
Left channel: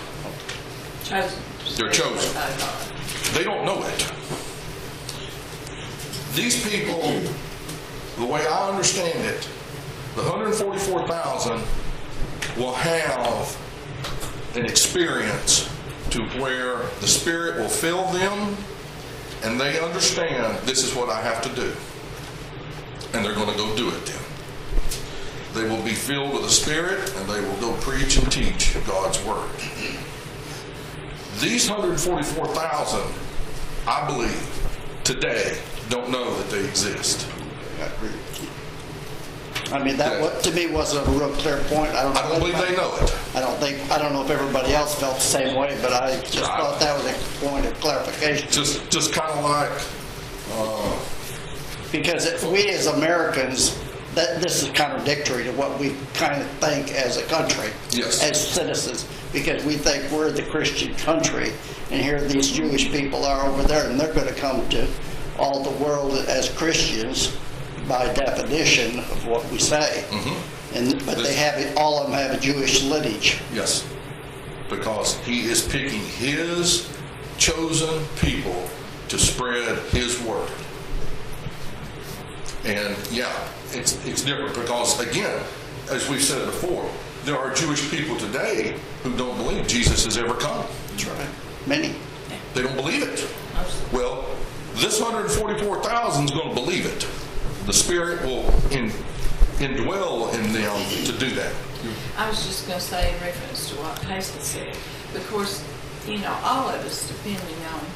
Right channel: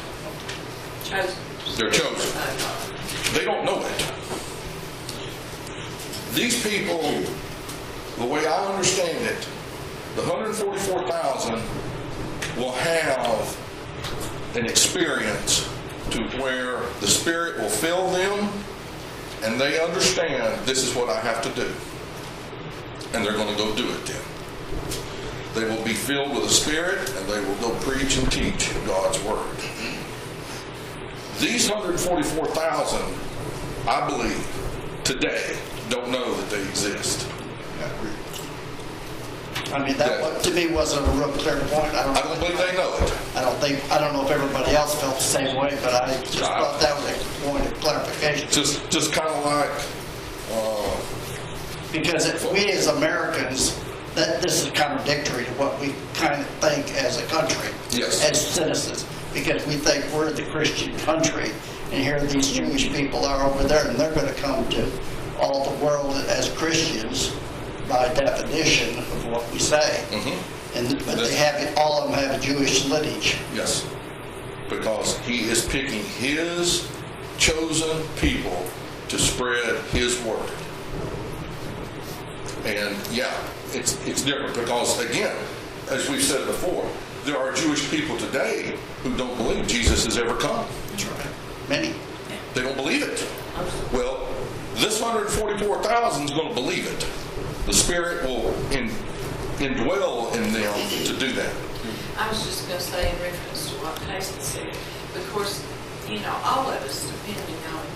They're chosen. They don't know it. These people, the way I understand it, the 144,000 will have an experience to where the Spirit will fill them and they understand this is what I have to do, and they're going to go do it then. They will be filled with the Spirit, and they will go preach and teach God's Word. These 144,000, I believe, today, don't know that they exist. I mean, that to me wasn't a real clear point. I don't believe they know it. I don't know if everybody else felt the same way, but I just thought that was a point of clarification. Just kind of like, Because we as Americans, this is contradictory to what we kind of think as a country, Yes. as citizens, because we think we're the Christian country, and here these Jewish people are over there, and they're going to come to all the world as Christians by definition of what we say. And they have, all of them have a Jewish lineage. yes, because he is picking his chosen people to spread his word. And yeah, it's different because, again, as we've said before, there are Jewish people today who don't believe Jesus has ever come. That's right. Many. They don't believe it. Well, this 144,000 is going to believe it. The Spirit will indwell in them to do that. I was just going to say in reference to what Hazel said. Of course, you know, all of us, depending on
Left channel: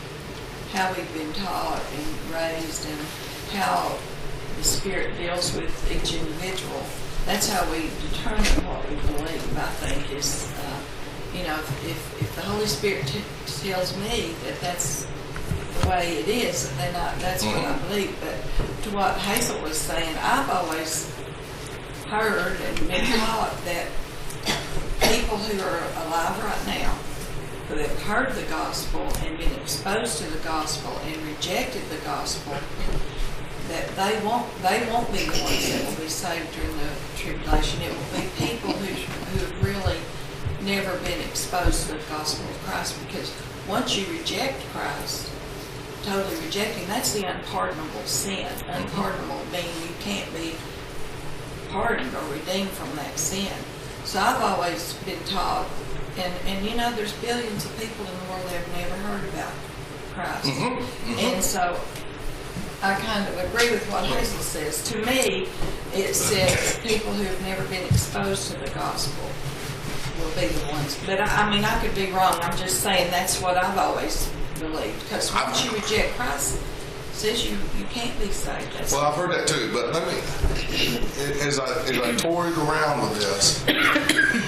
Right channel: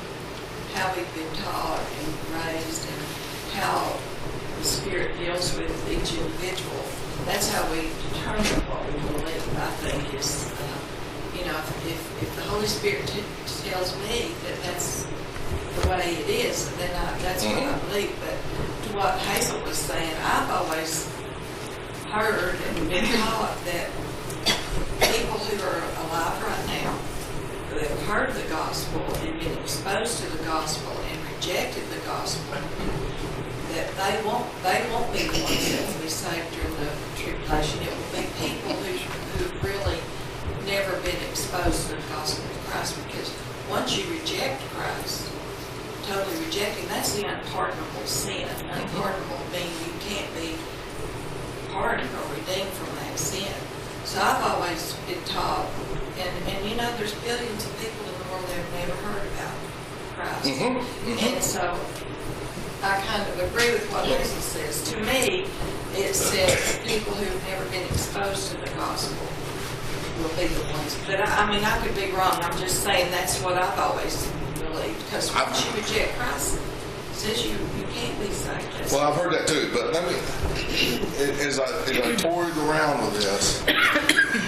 how we've been taught and raised and how the Spirit deals with each individual, that's how we determine what we believe. I think it's, you know, if the Holy Spirit tells me that that's the way it is, then that's what I believe. But to what Hazel was saying, I've always heard and been taught that people who are alive right now, who have heard the gospel and been exposed to the gospel and rejected the gospel, that they won't be the ones that will be saved during the tribulation. It will be people who've really never been exposed to the gospel of Christ, because once you reject Christ, totally rejecting, that's the unpardonable sin. Unpardonable meaning you can't be pardoned or redeemed from that sin. So I've always been taught, and you know, there's billions of people in the world that have never heard about Christ. And so I kind of agree with what Hazel says. To me, it says people who have never been exposed to the gospel will be the ones. But I mean, I could be wrong. I'm just saying that's what I've always believed. Because once you reject Christ, it says you can't be saved. Well, I've heard that too, but let me, as I toyed around with this,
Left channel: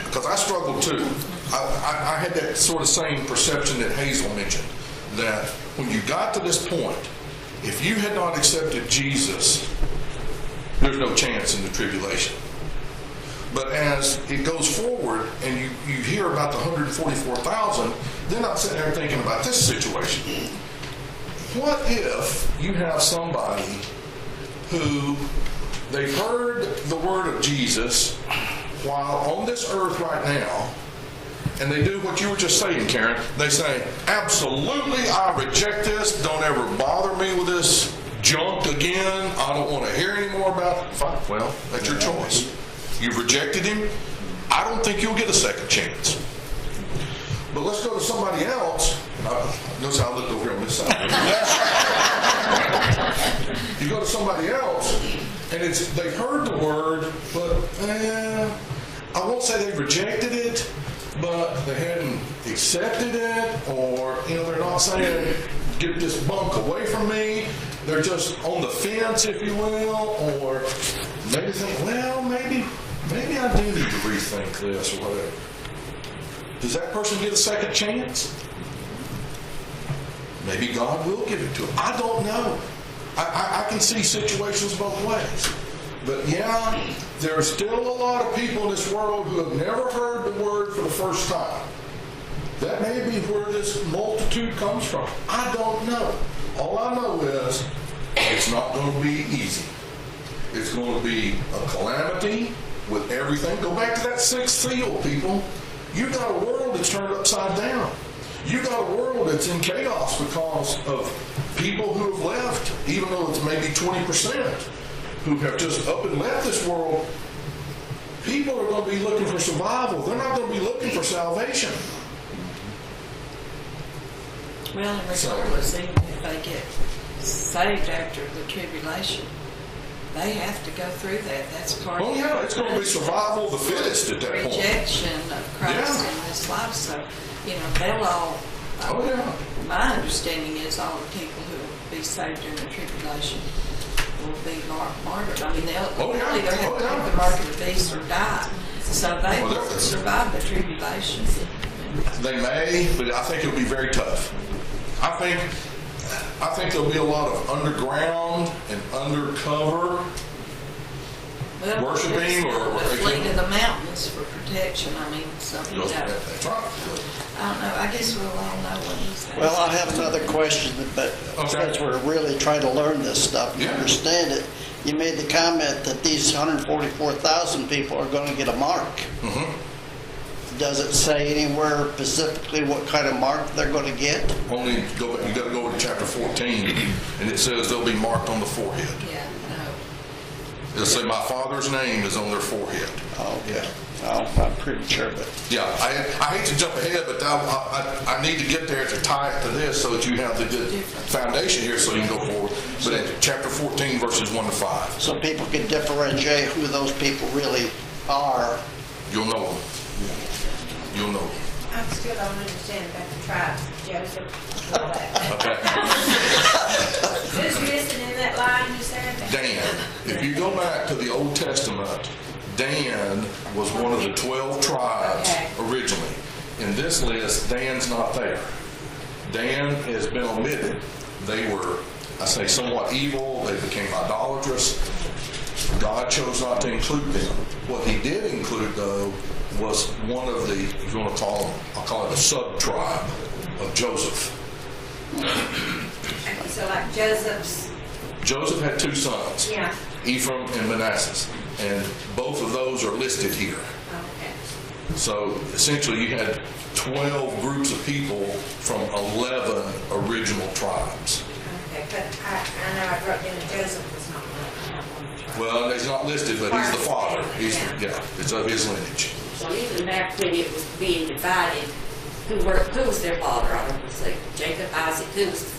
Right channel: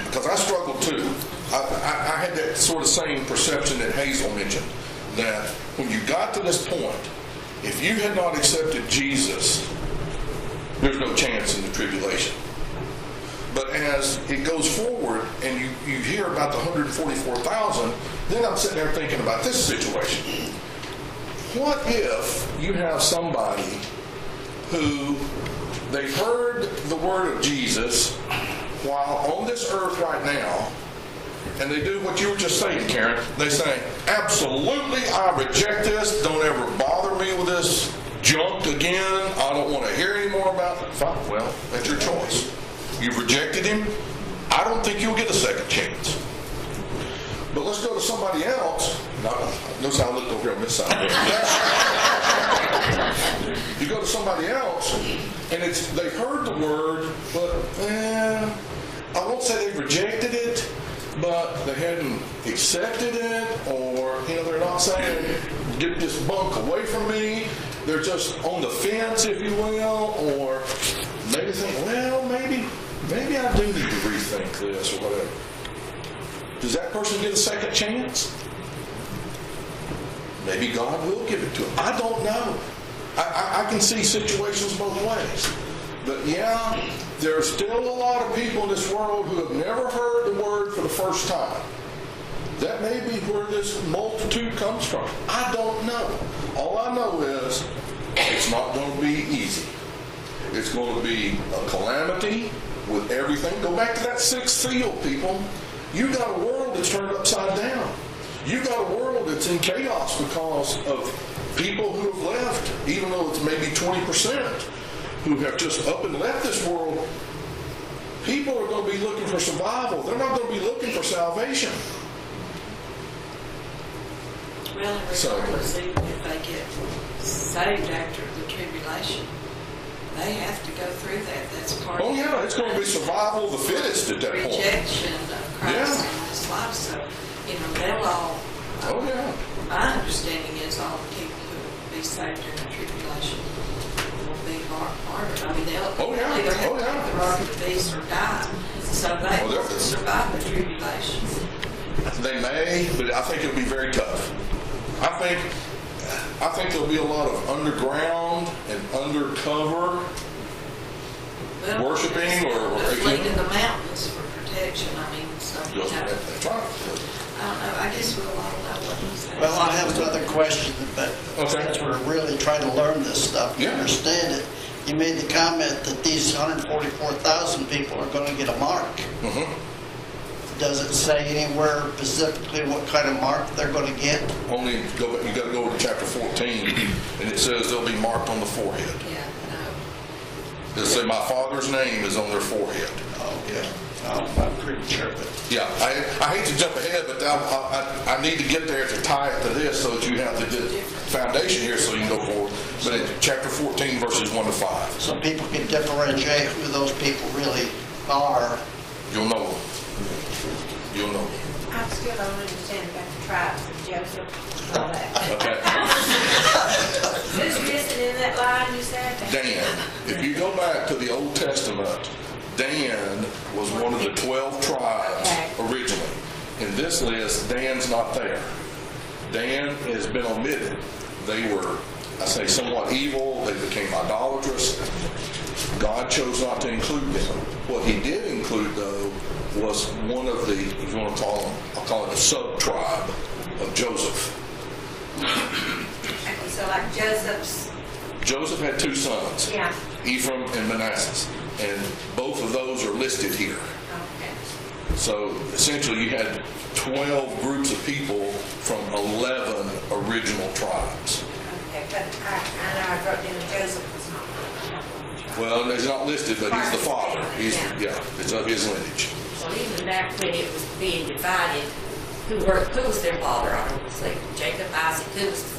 because I struggled too, I had that sort of same perception that Hazel mentioned, that when you got to this point, if you had not accepted Jesus, there's no chance in the tribulation. But as it goes forward and you hear about the 144,000, then I'm sitting there thinking about this situation. What if you have somebody who they've heard the word of Jesus while on this earth right now, and they do what you were just saying, Karen. They say, absolutely, I reject this. Don't ever bother me with this junk again. I don't want to hear any more about it. Fine. Well, that's your choice. You've rejected him. I don't think you'll get a second chance. But let's go to somebody else. Notice how I looked over here on this side. You go to somebody else, and they've heard the word, but I won't say they rejected it, but they hadn't accepted it, or they're not saying, get this bunk away from me. They're just on the fence, if you will, or maybe think, well, maybe I do need to rethink this or whatever. Does that person get a second chance? Maybe God will give it to him. I don't know. I can see situations both ways. But yeah, there are still a lot of people in this world who have never heard the word for the first time. That may be where this multitude comes from. I don't know. All I know is it's not going to be easy. It's going to be a calamity with everything. Go back to that sixth seal, people. You got a world that's turned upside down. You got a world that's in chaos because of people who have left, even though it's maybe 20%. Who have just up and left this world. People are going to be looking for survival. They're not going to be looking for salvation. Well, So- regardless, even if they get saved after the tribulation, they have to go through that. That's part Oh, of yeah, it's gonna be survival of the fittest at that point. rejection of Christ Yeah. in this life. So, they'll all, Oh, yeah. my understanding is all the people who will be saved in the tribulation will be martyred. I mean, they'll. Oh, yeah. They don't Oh, have yeah. to mark the beast or die. So they Well, will that- survive the tribulation. They may, but I think it'll be very tough. I think there'll be a lot of underground and undercover Well, worshiping or Went to the mountains for protection, I mean, so. that's right. I don't know, I guess we'll all know what he's saying. Well, I have another question, but Okay. since we're really trying to learn this stuff, Yeah. to understand it, you made the comment that these 144,000 people are going to get a mark. Mhm. Does it say anywhere specifically what kind of mark they're going to get? Only go back, you gotta go to chapter 14, and it says they'll be marked on the forehead. Yeah, It'll say, my Father's name is on their forehead. I'm pretty sure that. Yeah, I hate to jump ahead, but I need to get there to tie it to this so that you have the good foundation here so you can go forward. But in chapter 14, verses 1 to 5, So people can differentiate who those people really are. you'll know them. You'll know them. I still don't understand about the tribes of Joseph and all that. Okay? Who's missing in that line you said? Dan. If you go back to the Old Testament, Dan was one of the 12 tribes originally. In this list, Dan's not there. Dan has been omitted. They were, I say, somewhat evil. They became idolatrous. God chose not to include them. What he did include, though, was one of the, if you want to call them, I'll call it the sub-tribe of Joseph. Okay, so like Joseph's, Joseph had two sons, Yeah. Ephraim and Manasseh, and both of those are listed here. okay. So essentially, you had 12 groups of people from 11 original tribes. Okay, but I know I wrote down Joseph was not part of that one. Well, he's not listed, but he's the father. He's it's of his lineage. Well, even back when it was being divided, who was their father, obviously? Jacob, Isaac, who was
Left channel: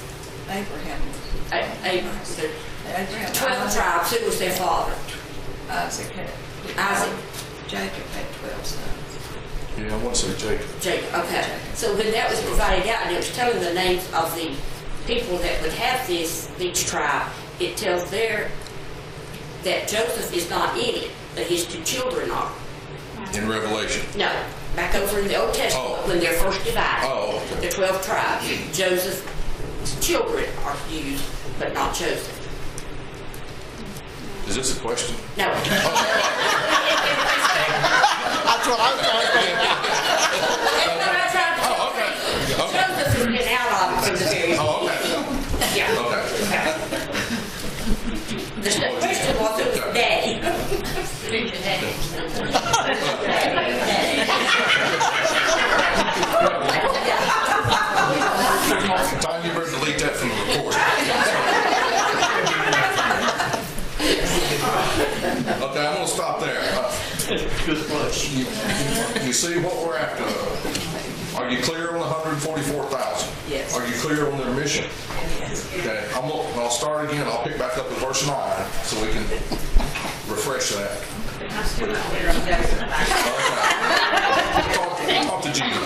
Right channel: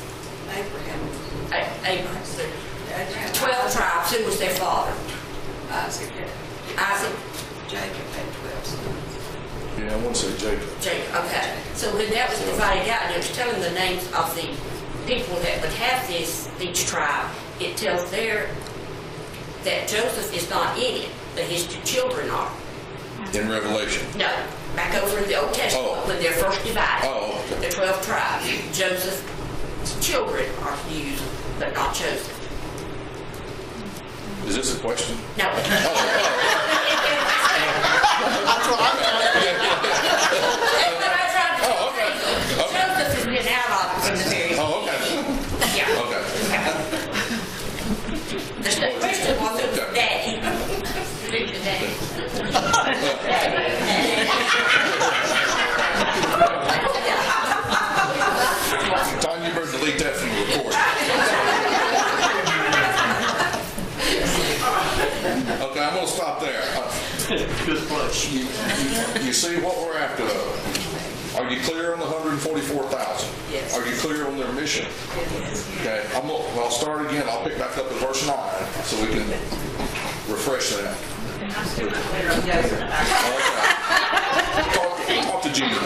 Abraham. Abraham? So Abraham. 12 tribes, who was their father? Isaac had, Isaac, Jacob had 12 sons. Yeah, I want to say Jacob. Jacob, okay. So when that was divided out, and it was telling the names of the people that would have each tribe, it tells there that Joseph is not in it, but his two children are. In Revelation. No, back over in the Old Testament, Oh. when they're first divided. Oh, okay. The 12 tribes. Joseph's children are used, but not Joseph's. Is this a question? No. Oh, That's what I'm trying to oh, okay. Okay. Joseph has been out of it from the very Oh, okay. Yeah. Okay. The question was today. Tom, you better delete that from the report. Okay, I'm going to stop there. Good push. You see what we're after, though. Are you clear on the 144,000? Yes. Are you clear on their mission? Okay, I'll start again. I'll pick back up at verse 9 so we can refresh that. I'm still not clear on Joseph. Okay. Talk to Gina.